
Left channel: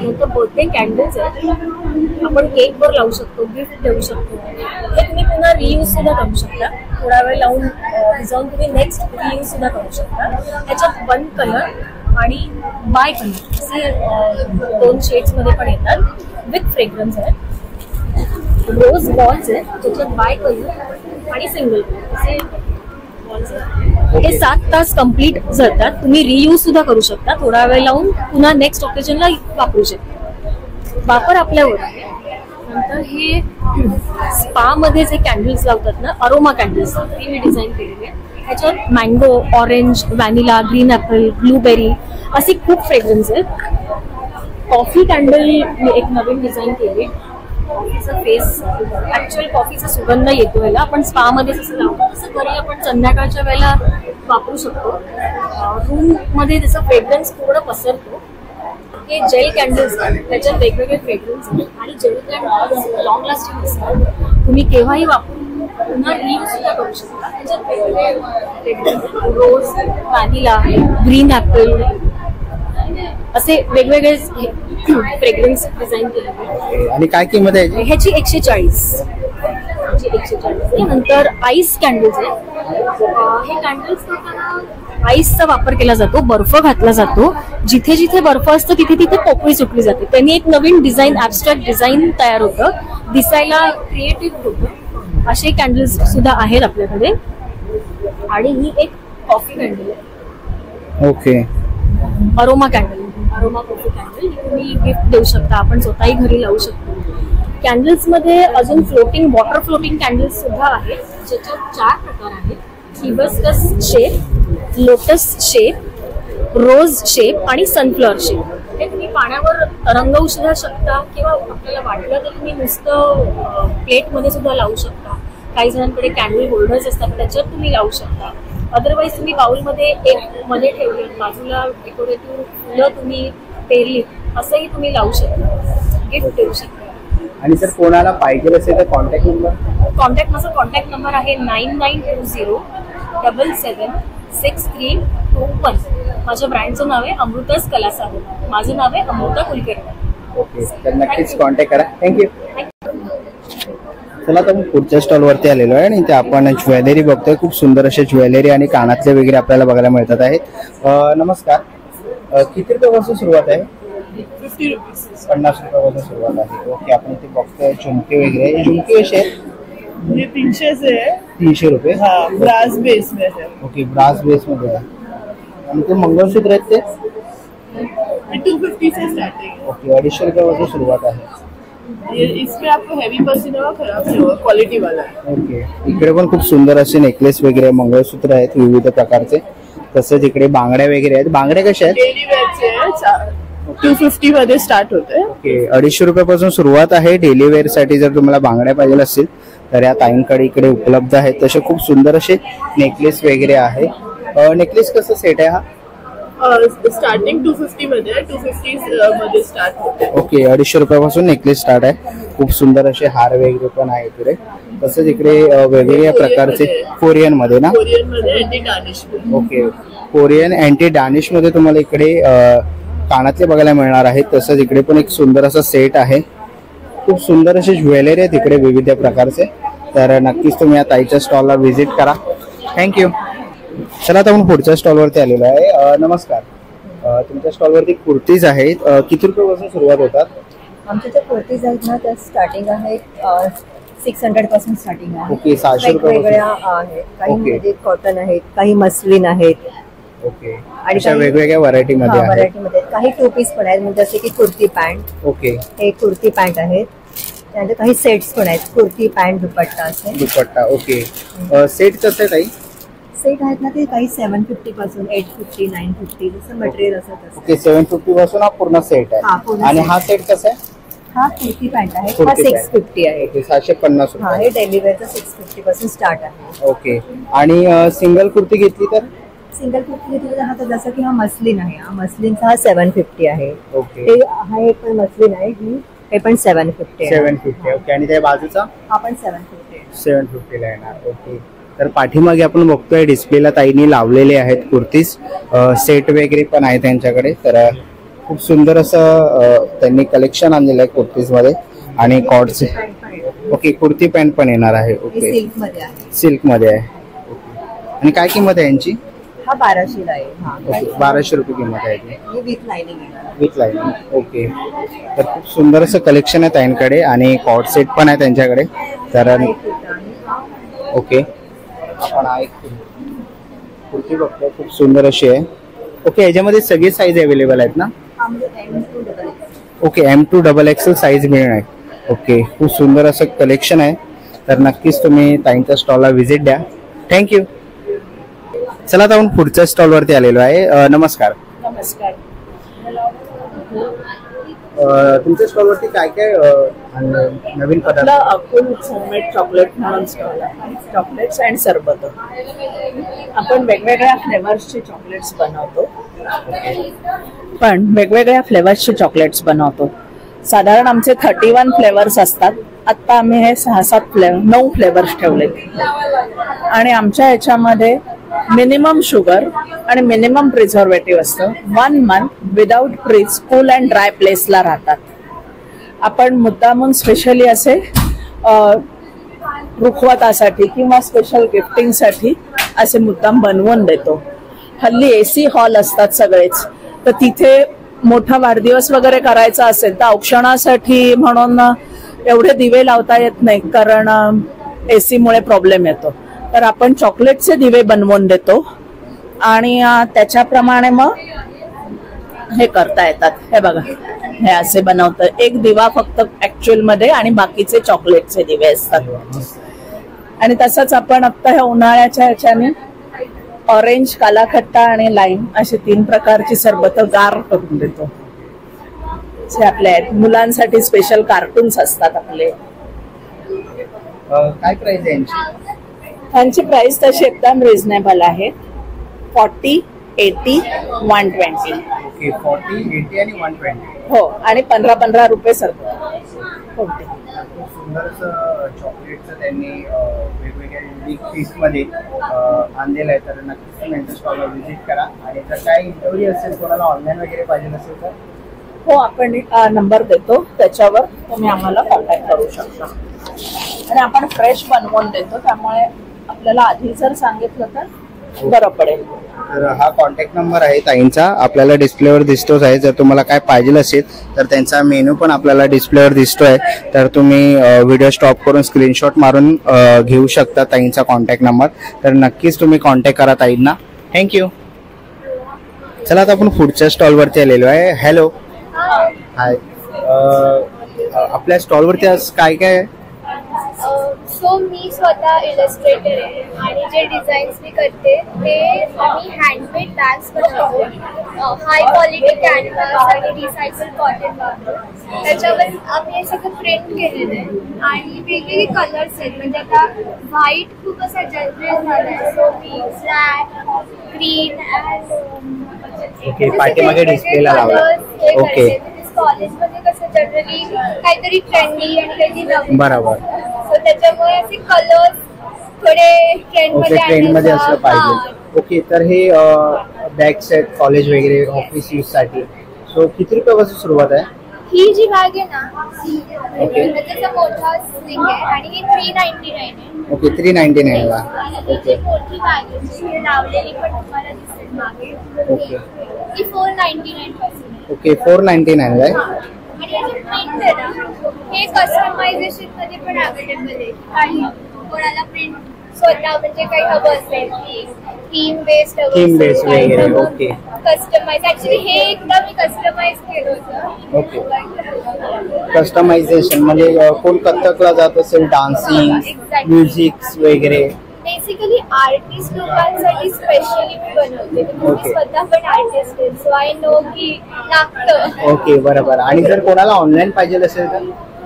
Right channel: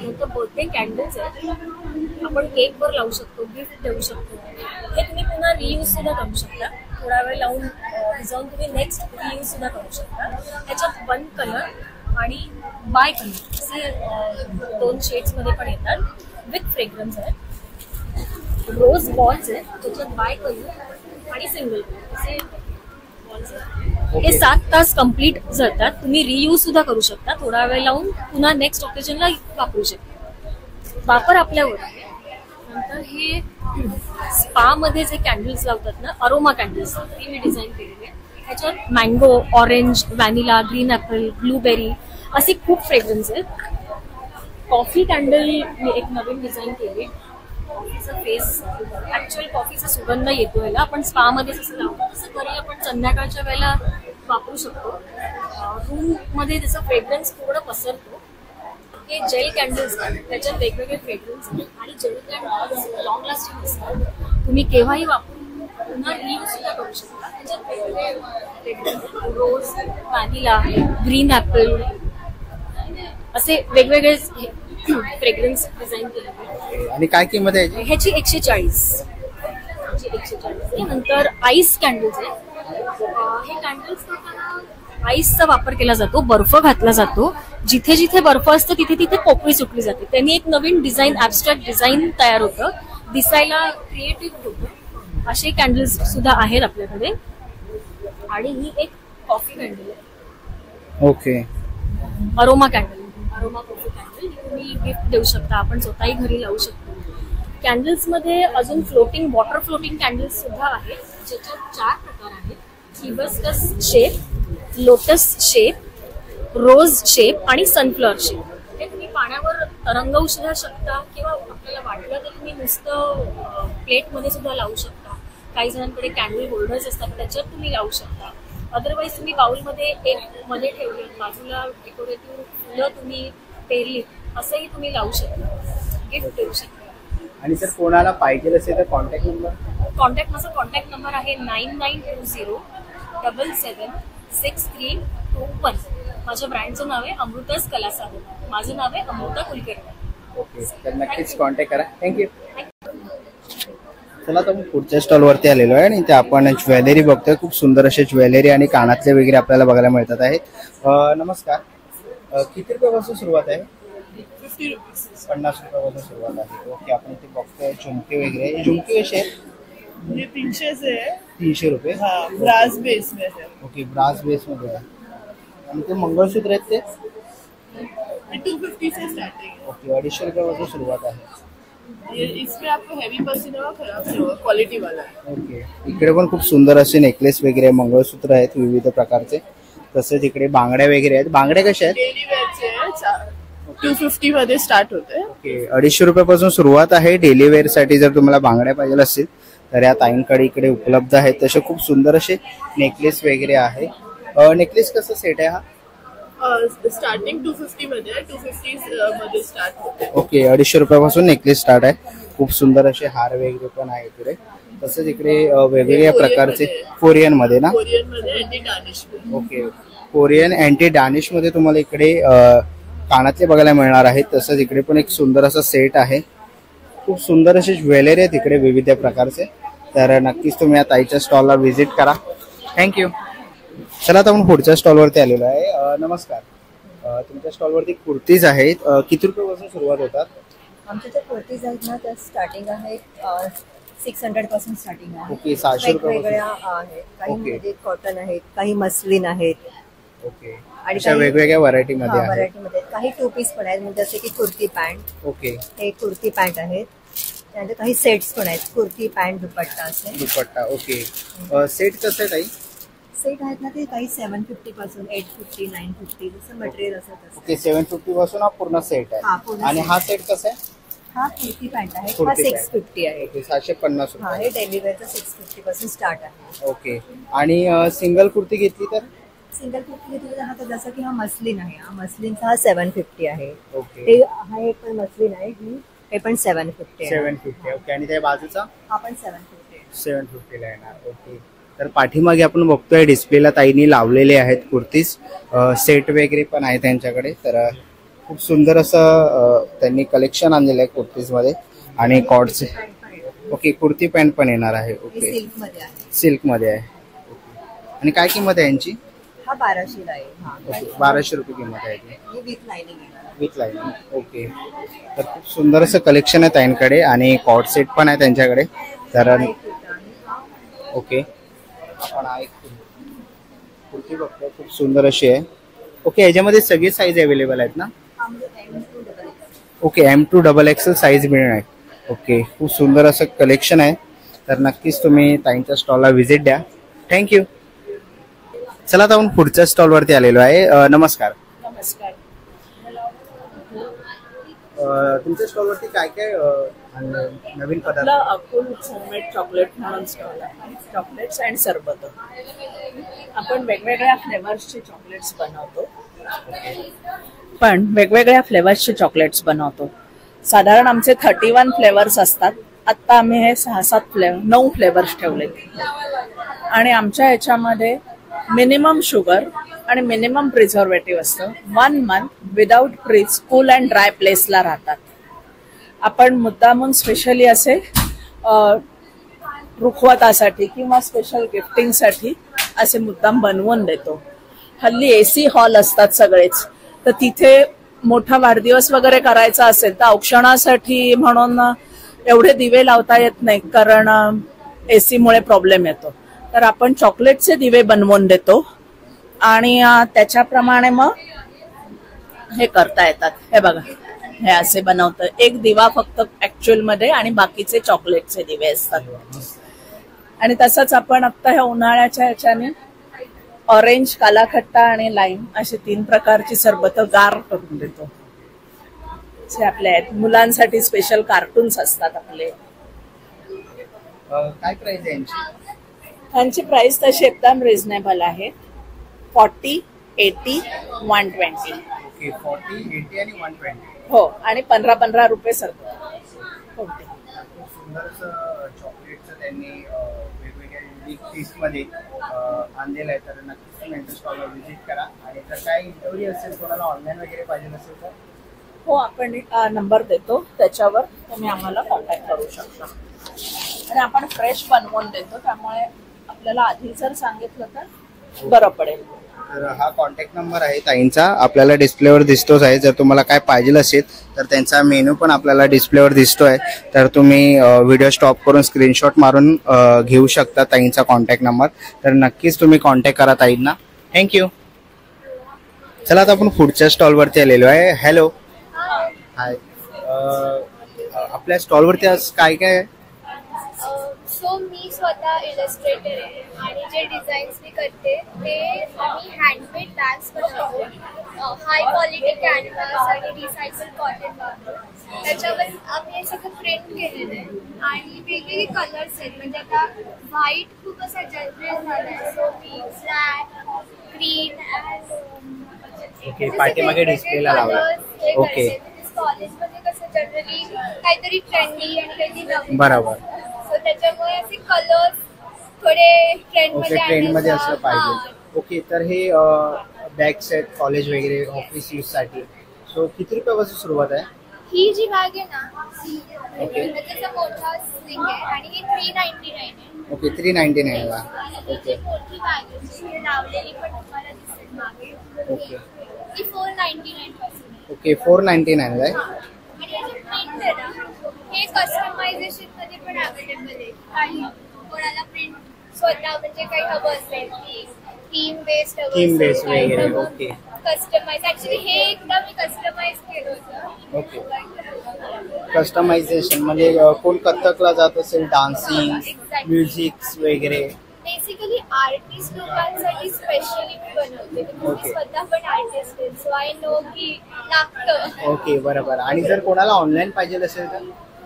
नंतर बर्थडे कॅन्डल्स आहेत, आपण केक वर लावू शकतो, गिफ्ट देऊ शकतो. हे तुम्ही पुन्हा रियूज सुद्धा करू शकता, थोडा वेळ लावून भिजवून तुम्ही नेक्स्ट रियूज सुद्धा करू शकता. ह्याच्यात 1 कलर आणि बाय कलर असे 2 शेड्स मध्ये पण येतात विथ फ्रेग्रन्स आहेत. रोज बॉल्स आहेत ज्याच्यात बाय कलर आणि सिंगल कलर असे बॉल्स आहेत. हे 7 तास कम्प्लीट जातात, तुम्ही रियूज सुद्धा करू शकता, थोडा वेळ लावून पुन्हा नेक्स्ट ऑकेजनला वापरू शकता. वापर आपल्यावर आहे. नंतर हे स्पा मध्ये जे कॅन्डल्स लावतात ना, अरोमा कॅन्डल्स, ते मी डिझाईन केलेले आहे. ह्याच्यात mango, orange, vanilla, green apple, blueberry असे खूप फ्रेग्रन्स आहेत. कॉफी कॅन्डल मी एक नवीन डिझाईन केली. कॉफीचा फेस, ऍक्च्युअल कॉफीचा सुगंध येतो याला. आपण स्पा मध्ये जसं लावतो तसं घरी आपण संध्याकाळच्या वेळेला वापरू शकतो. रूम मध्ये त्याचा फ्रेग्रन्स पूर्ण पसरतो. हे जेल कॅन्डल्स आहेत, त्याच्यात वेगवेगळे फ्रेग्रन्स आहेत आणि जेल कॅन्डल्स लॉंग लास्टिंग असतात. तुम्ही केव्हाही वापरून पुन्हा रियूज सुद्धा करू शकता. त्याच्यात वेगवेगळे फ्रेग्रन्स, रोज, व्हॅनिला, ग्रीन ऍपल असे वेगवेगळे फ्रेग्रन्स डिझाईन केले. आणि काय किंमत आहे ह्याची 140. नंतर आईस कॅन्डल्स आहेत. हे कॅन्डल्स करताना आईसचा वापर केला जातो, बर्फ घातला जातो. जिथे जिथे बर्फ असतो तिथे तिथे पोकळी सुटली जाते. त्यांनी एक नवीन डिझाईन, ॲब्स्ट्रॅक्ट डिझाईन तयार होतं, दिसायला क्रिएटिव्ह होतं. असे कॅन्डल्स सुद्धा आहेत आपल्याकडे. आणि ही एक कॉफी कॅन्डल आहे. Okay. Aroma candle, aroma coffee candle तुम्ही गिफ्ट देऊ शकता, आपण स्वतःही घरी लावू शकतो. कॅन्डल्स मध्ये अजून फ्लोटिंग, वॉटर फ्लोटिंग कॅन्डल्स सुद्धा आहेत, ज्याच्यात 4 प्रकार आहेत. हिबिस्कस शेप, लोटस शेप, रोज शेप आणि सनफ्लॉवर शेप. हे तुम्ही पाण्यावर रंगवू सुद्धा शकता किंवा आपल्याला वाटलं तर तुम्ही नुसतं प्लेटमध्ये सुद्धा लावू शकता. काही जणांकडे कॅन्डल होल्डर्स असतात, त्याच्यात तुम्ही लावू शकता. अदरवाईज तुम्ही बाउलमध्ये एक मध्ये ठेवले, बाजूला डेकोरेटिव्ह फुलं तुम्ही पेरली, असंही तुम्ही लावू शकता, गिफ्ट देऊ शकता. आणि जर कोणाला पाहिजे असेल तर कॉन्टॅक्ट नंबर? माझा कॉन्टॅक्ट नंबर आहे 9920776321. माझ्या ब्रँडचं नाव आहे अमृतास कला सागर. माझं नाव आहे अमृता कुलकर्णी. ओके, तर नक्कीच कॉन्टॅक्ट करा. थँक्यू. चला तर पुढच्या स्टॉल वरती आलेलो आहे आणि इथे आपण ज्वेलरी बघतोय. खूप सुंदर असे ज्वेलरी आणि कानातले वगैरे आपल्याला बघायला मिळतात आहेत. नमस्कार, किती रुपयापासून सुरुवात आहे? 50 रुपीज. 50 रुपयापासून सुरुवात आहे. ओके, आपण इथे बघतोय झुमके वगैरे. झुमके कसे आहेत? ये 300 से है. 300 रुपये. हाँ, ब्रास बेस में है. ओके, ब्रास बेस मध्ये आहे. आणि ते मंगळसूत्र आहेत ते 250 से स्टार्टिंग है. ओके, 250 रुपयापासून सुरुवात आहे. ये इसमें आपको हैवी पसीना होगा, खराब नहीं होगा, क्वालिटी वाला है. ओके, इकडे पण खूप सुंदर असे नेकलेस वगैरे, मंगळसूत्र आहेत विविध प्रकारचे. तसंच इकडे बांगड्या वगैरे आहेत. बांगड्या कशा आहेत? डेली वेअरचे आहे. 250 मध्ये स्टार्ट होते. ओके, 250 रुपयापासून सुरुवात आहे. डेली वेअर साठी जर तुम्हाला बांगड्या पाहिजे असतील तर या ताईंकडे इकडे उपलब्ध आहेत. तसे खूप सुंदर असे नेकलेस वगैरे आहे. नेकलेस कसं सेट आहे हा? स्टार्टिंग 250 मध्ये आहे. 250 मध्ये स्टार्ट होते. ओके, 250 रुपयापासून नेकलेस स्टार्ट आहे. खूप सुंदर असे हार वगैरे पण आहे इकडे. तसंच इकडे वेगवेगळ्या प्रकारचे कोरियन मध्ये ना? कोरियन मध्ये अँटी डार्निश. ओके, कोरियन अँटी डार्निश मध्ये तुम्हाला इकडे कानातले बघायला मिळणार आहेत. तसंच इकडे पण एक सुंदर असा सेट आहे. खूप सुंदर असे ज्वेलरी आहेत इकडे विविध प्रकारचे. तर नक्कीच तुम्ही या ताईच्या स्टॉलला व्हिजिट करा. थँक्यू. चला आता आपण पुढच्या स्टॉलवरती आलेलो आहे. नमस्कार, तुमच्या स्टॉलवरती कुर्तीज आहेत. किती रुपयापासून सुरुवात होतात? आमच्या ज्या कुर्तीज आहेत ना त्या स्टार्टिंग आहेत 600 पासून स्टार्टिंग आहे. ओके, 600 वेगवेगळ्या आहेत. काही कॉटन आहेत, काही मस्लिन आहेत. ओके, आणि वेगवेगळ्या व्हरायटी मध्ये व्हरायटीमध्ये काही 2 पीस पण आहेत, म्हणजे जसे की कुर्ती पॅन्ट. ओके, हे कुर्ती पॅन्ट आहेत. त्यानंतर काही सेट्स पण आहेत, कुर्ती पॅन्ट दुपट्टा असे. दुपट्टा. ओके, सेट कसं आहे ताई? सेट आहेत ना ते काही 750 पासून 850, 950 जसं मटेरियल असत. ओके, 750 पासून हा पूर्ण सेट आहे. आणि हा सेट कसा आहे? हा कुर्ती पॅन्ट आहे, हा 650 आहे. ओके, 750 हा, हे डेली वेअरचा 650 पासून स्टार्ट आहे. ओके, आणि सिंगल कुर्ती घेतली तर? सिंगल कुर्ती घेतली तर हा तर जसं की हा मस्लिन आहे, हा मस्लिनचा हा 750 आहे. ओके, हा एक पण मस्लिन आहे, हे पण 750 आहे. 750. ओके, आणि त्या बाजूचा हा पण 750 750 ला येणार. ओके, तर पाठीमागे आपण बघतोय डिस्प्लेला ताईंनी लावलेले आहेत कुर्तीज. सेट वगैरे पण आहे त्यांच्याकडे. तर खूप सुंदर असं त्यांनी कलेक्शन आणलेलं आहे कुर्तीज मध्ये. आणि कॉर्डचे. ओके, कुर्ती पॅन्ट पण येणार आहे. ओके, सिल्क मध्ये आहे. सिल्क मध्ये आहे. ओके, आणि काय किंमत आहे यांची? हा 1200 ला आहे. ओके, 1200 रुपये किंमत आहे. विथ लाईनिंग आहे. With lining. ओके, तर खूप सुंदर असं कलेक्शन आहे ताईंकडे आणि कॉर्ड सेट पण आहे त्यांच्याकडे. तर ओके, आपण हा एक कुर्ती बघतोय, खूप सुंदर अशी आहे. ओके, याच्यामध्ये सगळे साईज अवेलेबल आहेत ना? ओके, M2 XXL साईज मिळणार आहे. ओके, खूप सुंदर असं कलेक्शन आहे. तर नक्कीच तुम्ही ताईंच्या स्टॉलला व्हिजिट द्या. थँक्यू. चला आता आपण पुढच्या स्टॉलवरती आलेलो आहे. नमस्कार. नमस्कार. तुमच्या स्टॉलवरती काय काय नवीन पदार्थ? अकुल होममेड चॉकलेट म्हणून स्टॉल आहे. चॉकलेट्स अँड सरबत. आपण वेगवेगळ्या फ्लेवर्सचे चॉकलेट्स बनवतो. साधारण आमचे 31 फ्लेवर्स असतात. आता आम्ही हे 9 फ्लेवर्स ठेवलेत आणि आमच्या ह्याच्यामध्ये मिनिमम शुगर आणि मिनिमम प्रिझर्वेटिव्ह असतं. 1 month without fridge cool and dry प्लेसला राहतात. आपण मुद्दामून स्पेशली असे रुखवतासाठी किंवा स्पेशल गिफ्टिंगसाठी असे मुद्दाम बनवून देतो. हल्ली AC हॉल असतात सगळेच, तर तिथे मोठा वाढदिवस वगैरे करायचा असेल तर औक्षणासाठी म्हणून एवढे दिवे लावता येत नाही, कारण AC मुळे प्रॉब्लेम येतो. तर आपण चॉकलेटचे दिवे बनवून देतो आणि त्याच्याप्रमाणे मग हे करता येतात. हे बघा, हे असे बनवतं. एक दिवा फक्त ऍक्च्युअल मध्ये आणि बाकीचे चॉकलेटचे दिवे असतात. आणि तसंच आपण आता ह्या उन्हाळ्याच्या ह्याच्याने ऑरेंज, कालाखट्टा आणि लाईम असे 3 प्रकारची सरबत गार करून देतो. जे आपले मुलांसाठी स्पेशल कार्टून्स असतात आपले. काय प्राइस आहे यांची? त्यांची प्राइस तशी एकदम रिझनेबल आहे. 40, 80, 120. ओके, 40, 80 आणि 120. हो, आणि 15-15 रुपये सरबत. खूप सुंदर असं चॉकलेटचं त्यांनी वेगवेगळ्या युनिक पीसमध्ये आणलेलं आहे. तर नक्कीच तुम्ही यांच्या स्टॉलला व्हिजिट करा. आणि जर काही इंक्वायरी असेल, कोणाला ऑनलाईन वगैरे पाहिजे असेल तर हो, आपण नंबर देतो, त्याच्यावर तुम्ही आम्हाला कॉन्टॅक्ट करू शकता. आणि आपण फ्रेश बनवून देतो, त्यामुळे आपल्याला आधी जर सांगितलं तर बरं पडेल. तर हा कॉन्टॅक्ट नंबर आहे ताईंचा, आपल्याला डिस्प्लेवर दिसतोच आहे. जर तुम्हाला काय पाहिजे असेल तर त्यांचा मेनू पण आपल्याला डिस्प्लेवर दिसतोय. तर तुम्ही व्हिडिओ स्टॉप करून स्क्रीनशॉट मारून घेऊ शकता ताईंचा कॉन्टॅक्ट नंबर. तर नक्कीच तुम्ही कॉन्टॅक्ट करा ताईंना. थँक्यू. चला आता आपण पुढच्या स्टॉलवरती आलेलो आहे. हॅलो. हाय. आपल्या स्टॉलवरती आज काय काय आहे? सो मी स्वतः इलस्ट्रेटर आहे आणि जे डिझाईन्स मी करते ते आम्ही हँडमेड बॅग्स बनवतो. हाय क्वालिटी कॅनव्हास आणि रिसायकल कॉटन वापरून त्याच्यावर आम्ही हे सगळं प्रिंट केलेलं आहे. आणि वेगवेगळे कलर्स आहेत, म्हणजे आता व्हाईट खूप असा जनरल झाला आहे. सो मी ब्लॅक, ग्रीन ओके, पाठीमागे डिस्प्लेला लावला. ओके. कॉलेजमध्ये कसं जनरली काहीतरी ट्रेंडी आणि काहीतरी नवीन, बरोबर. सो त्याच्यामुळे असे कलर्स थोडे ट्रेंडमध्ये असलं पाहिजे. ओके, तर हे बॅग्स आहेत कॉलेज वगैरे ऑफिस यूज साठी. सो किती रुपयापासून सुरुवात आहे? ही जी बॅग आहे ना, त्याचा मोठा स्लिंग आहे आणि ही 399 आहे. ओके, 399 ला. ओके, मोठी बॅग आहे लावलेली पण तुम्हाला दिसेल मागे. ओके, ती 499 पासून. ओके, 499 आहे. आणि याचे प्रिंट आहे ना, हे कस्टमायझेशन मध्ये पण अवेलेबल आहे. काही कोणाला प्रिंट स्वतः म्हणजे काही हवं असेल की थीम बेस्ड वगैरे. Okay, customize. ऍक्च्युली हे एकदा मी कस्टमाइज केलं होतं. ओके, कस्टमायझेशन म्हणजे कोण कथ्थकला जात असेल, डान्सिंग, म्युझिक वगैरे. बेसिकली आर्टिस्ट लोकांसाठी स्पेशली मी बनवते. मी स्वतः पण आर्टिस्ट आहे, सो आय नो की लागतं. ओके, बरोबर. आणि जर कोणाला ऑनलाईन पाहिजे असेल तर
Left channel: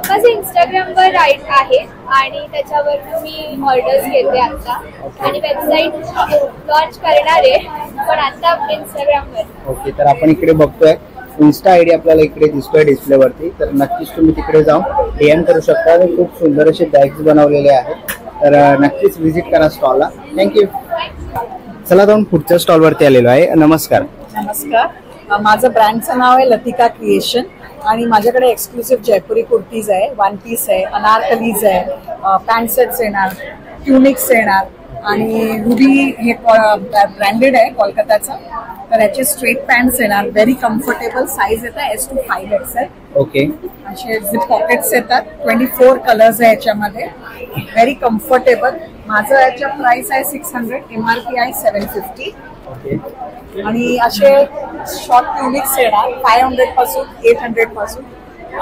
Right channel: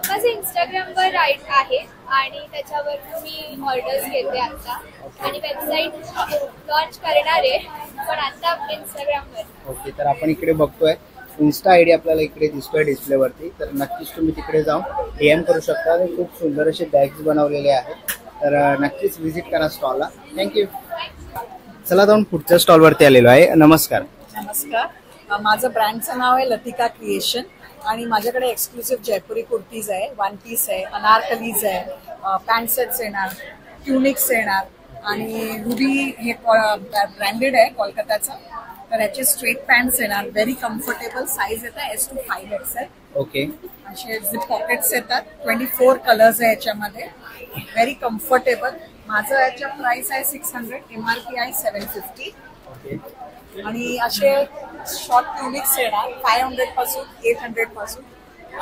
माझं इंस्टाग्रामवर राईट आहे आणि त्याच्यावर मी ऑर्डर्स घेते आता. आणि वेबसाईट लॉन्च करणार आहे, पण आता इंस्टाग्रामवर. ओके, तर आपण इकडे बघतोय इन्स्टा आयडी आपल्याला इकडे दिसतोय डिस्प्लेवरती. तर नक्कीच तुम्ही तिकडे जाऊन DM करू शकता. खूप सुंदर असे बॅग्स बनवलेले आहेत. तर नक्कीच व्हिजिट करा स्टॉलला. थँक्यू. चला जाऊन पुढच्या स्टॉलवरती आलेलो आहे. नमस्कार. नमस्कार. माझं ब्रँडचं नाव आहे लतिका क्रिएशन आणि माझ्याकडे एक्सक्लुसिव्ह जयपुरी कुर्तीज आहे, 1 पीस आहे, अनारकलीज आहे, पॅन्ट सेट्स येणार, ट्युनिक्स येणार आणि रुबी हे ब्रँडेड आहे कोलकाताचा. तर याचे स्ट्रेट पॅन्ट्स येणार, व्हेरी कम्फर्टेबल. साईज येतात S to 5XL. ओके, असे झिप पॉकेट्स येतात. 24 कलर्स आहे याच्यामध्ये, व्हेरी कम्फर्टेबल. माझं याच्या प्राइस आहे 600, MRP आहे 750. ओके, आणि असे शॉर्ट ट्युनिक्स येणार 500 पासून 800 पासून.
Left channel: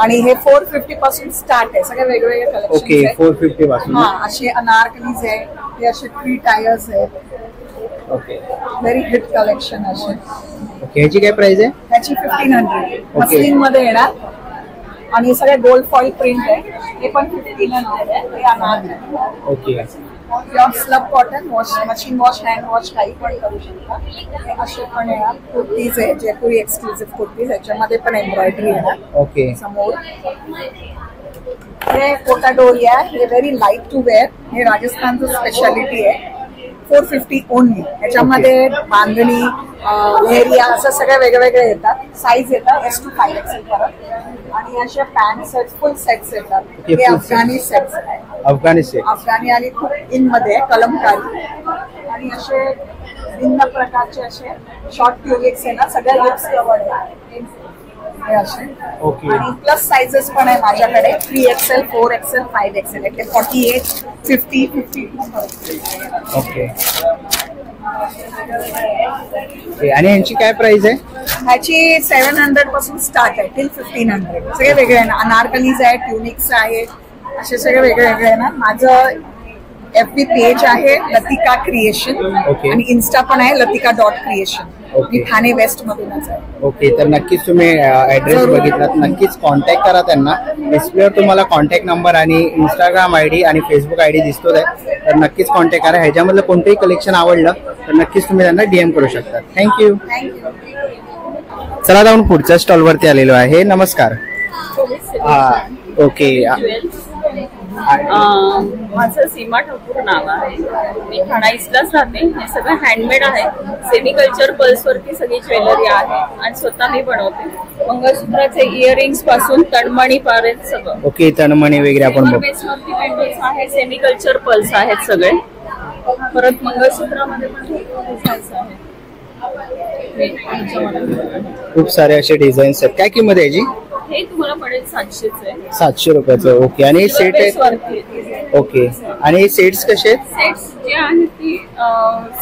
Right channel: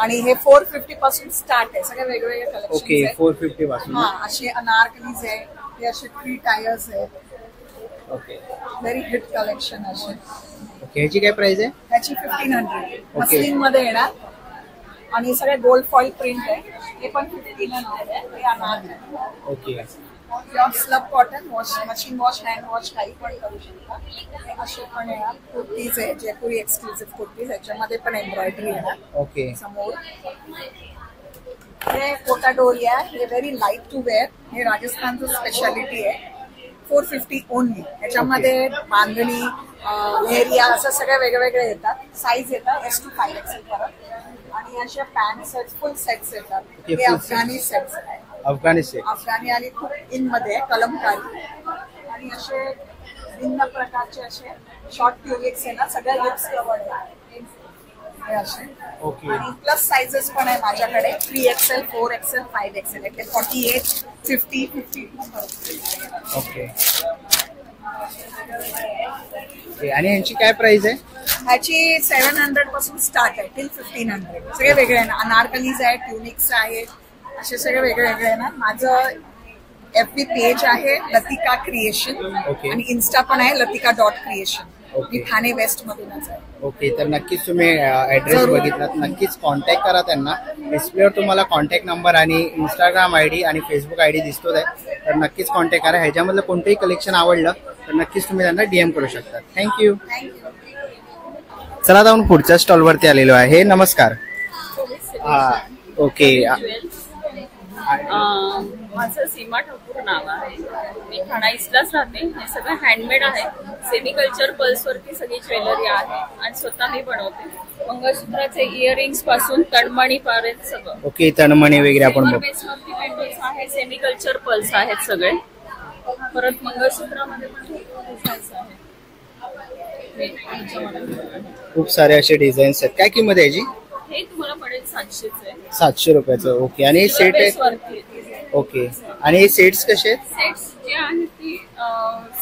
आणि हे 450 पासून स्टार्ट आहे. सगळे वेगवेगळे कलेक्शन. ओके 450 पासून. हा, असे अनारकलीज आहे, हे असे 3 टायर्स आहेत. ओके व्हेरी हिट कलेक्शन असे. ओके ह्याची काय प्राइस आहे? त्याची 1500 मस्लिन मध्ये येणार. आणि हे सगळे गोल्ड फॉइल प्रिंट आहे, हे पण 1500 आहे. हे अनार आहे. Okay pure slub cotton, wash machine wash, hand wash काही पण करू शकता. हे असे पण येणार. कुर्तीज आहे, जयपुरी एक्सक्लुझिव्ह कुर्तीज, याच्यामध्ये पण एम्ब्रॉयडरी येणार. ओके समोर हे कोटा डोरी आहे, हे व्हेरी लाईट टू वेअर. हे राजस्थानचं स्पेशालिटी आहे. 450 ओनली. याच्यामध्ये बांधणी, लेहरिया असं सगळ्या वेगवेगळे येतात. साईज येतात S to 5XL पर्यंत. आणि अशा पॅन्ट सेट, फुल सेट्स येतात. हे अफगाणी सेट्स आहेत. अफगाणी आणि खूप इन मध्ये कलमकारी. आणि असे भिन्न प्रकारचे असे शॉर्ट ट्युनिक्स आहे ना, सगळ्या लिप्स कवर्ड आहे हे असे. आणि प्लस साइजेस पण आहे माझ्याकडे. 3XL, 4XL, 5XL. ते 48, 50, 52. ओके आणि यांची काय प्राइस आहे? ह्याची 700 पासून स्टार्ट आहे टिल 1500. सगळे वेगळे आहे ना. अनारकलीज आहे, ट्युनिक्स आहे, असे सगळे वेगळे वेगळे आहे ना. माझं FB पेज आहे लतिका क्रिएशन. आणि इन्स्टा पण आहे लतिका.creation. मी ठाणे वेस्ट मधूनच आहे. ओके तर नक्कीच तुम्ही ऍड्रेस बघितलात, नक्कीच कॉन्टॅक्ट करा त्यांना. डिस्प्लेवर तुम्हाला कॉन्टॅक्ट नंबर आणि इंस्टाग्राम ID आणि फेसबुक ID दिसतोच आहे, तर नक्कीच कॉन्टॅक्ट करा. ह्याच्यामधलं कोणतंही कलेक्शन आवडलं तर नक्कीच तुम्ही त्यांना DM करू शकता. थँक्यू. चला आता आपण पुढच्या स्टॉलवरती आलेलो आहे. नमस्कार. ओके माझं सीमा ठाकूर नाव आहे. मी ठाणा ईस्टलाच राहते. हे सगळं हँडमेड आहे. सेमिकल्चर पल्स वरती सगळी ज्वेलरी आहे आणि स्वतः मी बनवते. मंगळसूत्राचे इयरिंग्स पासून तणमणी पर्यंत सगळं. ओके तणमणी वगैरे आपण बेसवरती पेंडल्स आहे, सेमिकल्चर पल्स आहेत सगळे. परत मंगळसूत्रामध्ये पण डिझाईन्स आहेत. खूप सारे असे डिझाईन्स आहेत. काय किंमत आहे याची? हे तुम्हाला पडेल 700 आहे. 700 रुपयाचं. ओके आणि सेट आहे. ओके आणि हे सेट्स कसे आहेत? सेट्स जे आहेत ती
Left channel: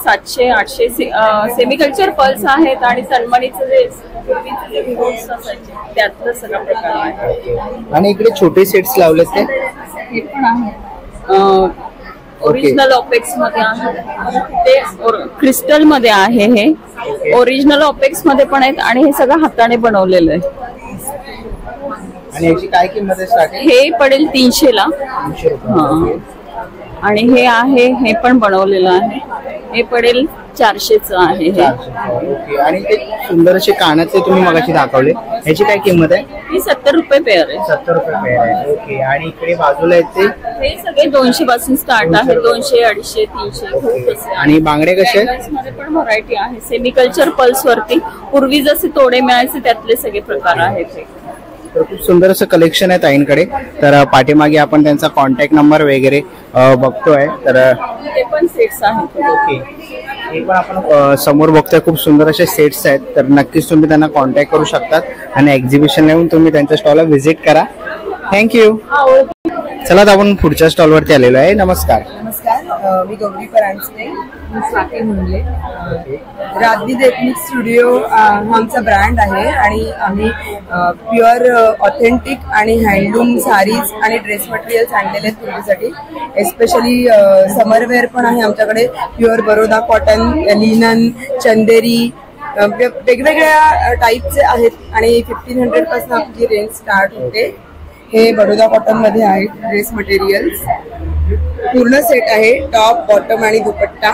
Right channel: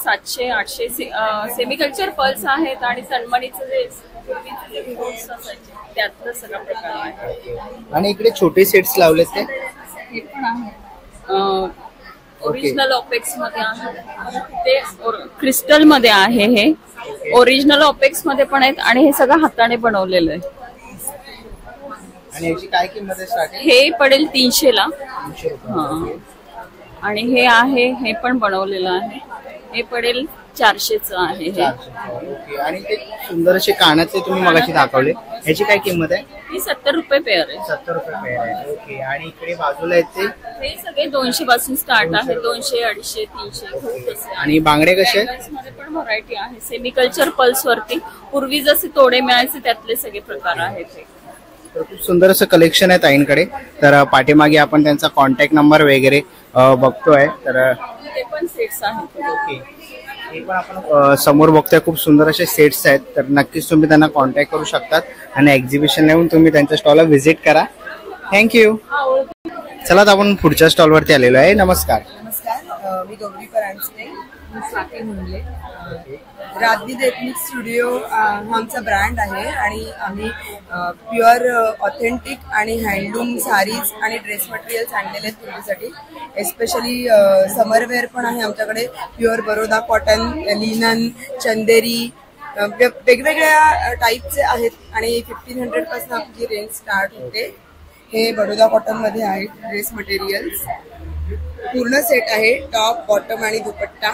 700, 800 सेमिकल्चर पल्स आहेत आणि तन्मणीचं जे त्यातलं सगळा प्रकार आहे. आणि इकडे छोटे सेट्स लावलेत ते हे पण आहे. ओरिजिनल ऑपेक्स मध्ये आहे, ते क्रिस्टल मध्ये आहे. हे ओरिजिनल ऑपेक्स मध्ये पण आहेत आणि हे सगळं हाताने बनवलेलं आहे. आणि याची काय किंमत आहे स्टार्टिंग? हे पडेल 300 ला. 300 रुपये. आणि हे आहे, हे पण बनवलेलं आहे. हे पडेल 400च आहे. ओके आणि ते सुंदर असे कानातले तुम्ही मगाशी दाखवले, याची काय किंमत आहे? ही 70 रुपये पेअर आहे. 70 रुपये पेअर आहे. ओके आणि इकडे बाजूला आहेत ते हे सगळे 200 पासून स्टार्ट आहे. 200, 250, 300. आणि बांगडे कसे आहेत? मध्ये पण व्हरायटी आहे. सेमिकल्चर पल्स वरती पूर्वी जसे तोडे मिळायचे त्यातले सगळे प्रकार आहेत. तर खूप सुंदर असं कलेक्शन आहे ताईंकडे. तर पाठीमागे आपण त्यांचा कॉन्टॅक्ट नंबर वगैरे बघतोय. तर ते पण सेट्स आहेत. ओके हे पण आपण समोर बघतोय. खूप सुंदर असे सेट्स आहेत. तर नक्कीच तुम्ही त्यांना कॉन्टॅक्ट करू शकतात आणि एक्झिबिशन येऊन तुम्ही त्यांच्या स्टॉलला व्हिजिट करा. थँक्यू. चला आता आपण पुढच्या स्टॉलवरती आलेलो आहे. नमस्कार. नमस्कार, मी गौरी परांजपे, मी स्वाती मुंडले. राजदीप एथनिक स्टुडिओ हा आमचा ब्रँड आहे आणि आम्ही प्युअर ऑथेंटिक आणि हँडलूम साडीज आणि ड्रेस मटेरियल्स आणलेले आहेत तुमच्यासाठी. एस्पेशली समरवेअर पण आहे आमच्याकडे. प्युअर बरोदा कॉटन, लिनन, चंदेरी वेगवेगळ्या टाईपचे आहेत आणि 1500 पासून आपली रेंज स्टार्ट होते. हे बडोदा कॉटन मध्ये आहे ड्रेस मटेरियल्स. पूर्ण सेट आहे, टॉप, बॉटम आणि दुपट्टा.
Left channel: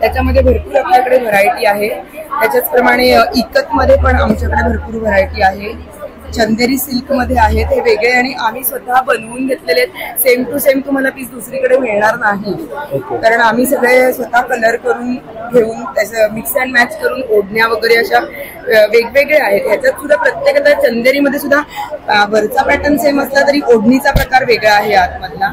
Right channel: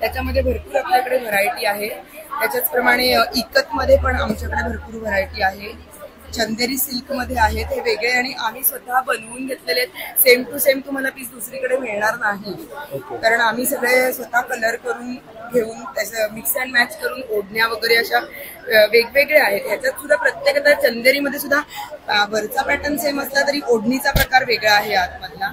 त्याच्यामध्ये भरपूर आपल्याकडे व्हरायटी आहे. त्याच्याचप्रमाणे इकत मध्ये पण आमच्याकडे भरपूर व्हरायटी आहे. चंदेरी सिल्क मध्ये आहेत, हे वेगळे आणि आम्ही स्वतः बनवून घेतलेले आहेत. सेम टू सेम तुम्हाला पीस दुसरीकडे मिळणार नाही, कारण आम्ही सगळे स्वतः कलर करून घेऊन त्याचं मिक्स अँड मॅच करून ओढण्या वगैरे अशा वेगवेगळे आहेत. ह्याच्यात सुद्धा प्रत्येक चंदेरीमध्ये सुद्धा वरचा पॅटर्न सेम असला तरी ओढणीचा प्रकार वेगळा आहे आतमधला.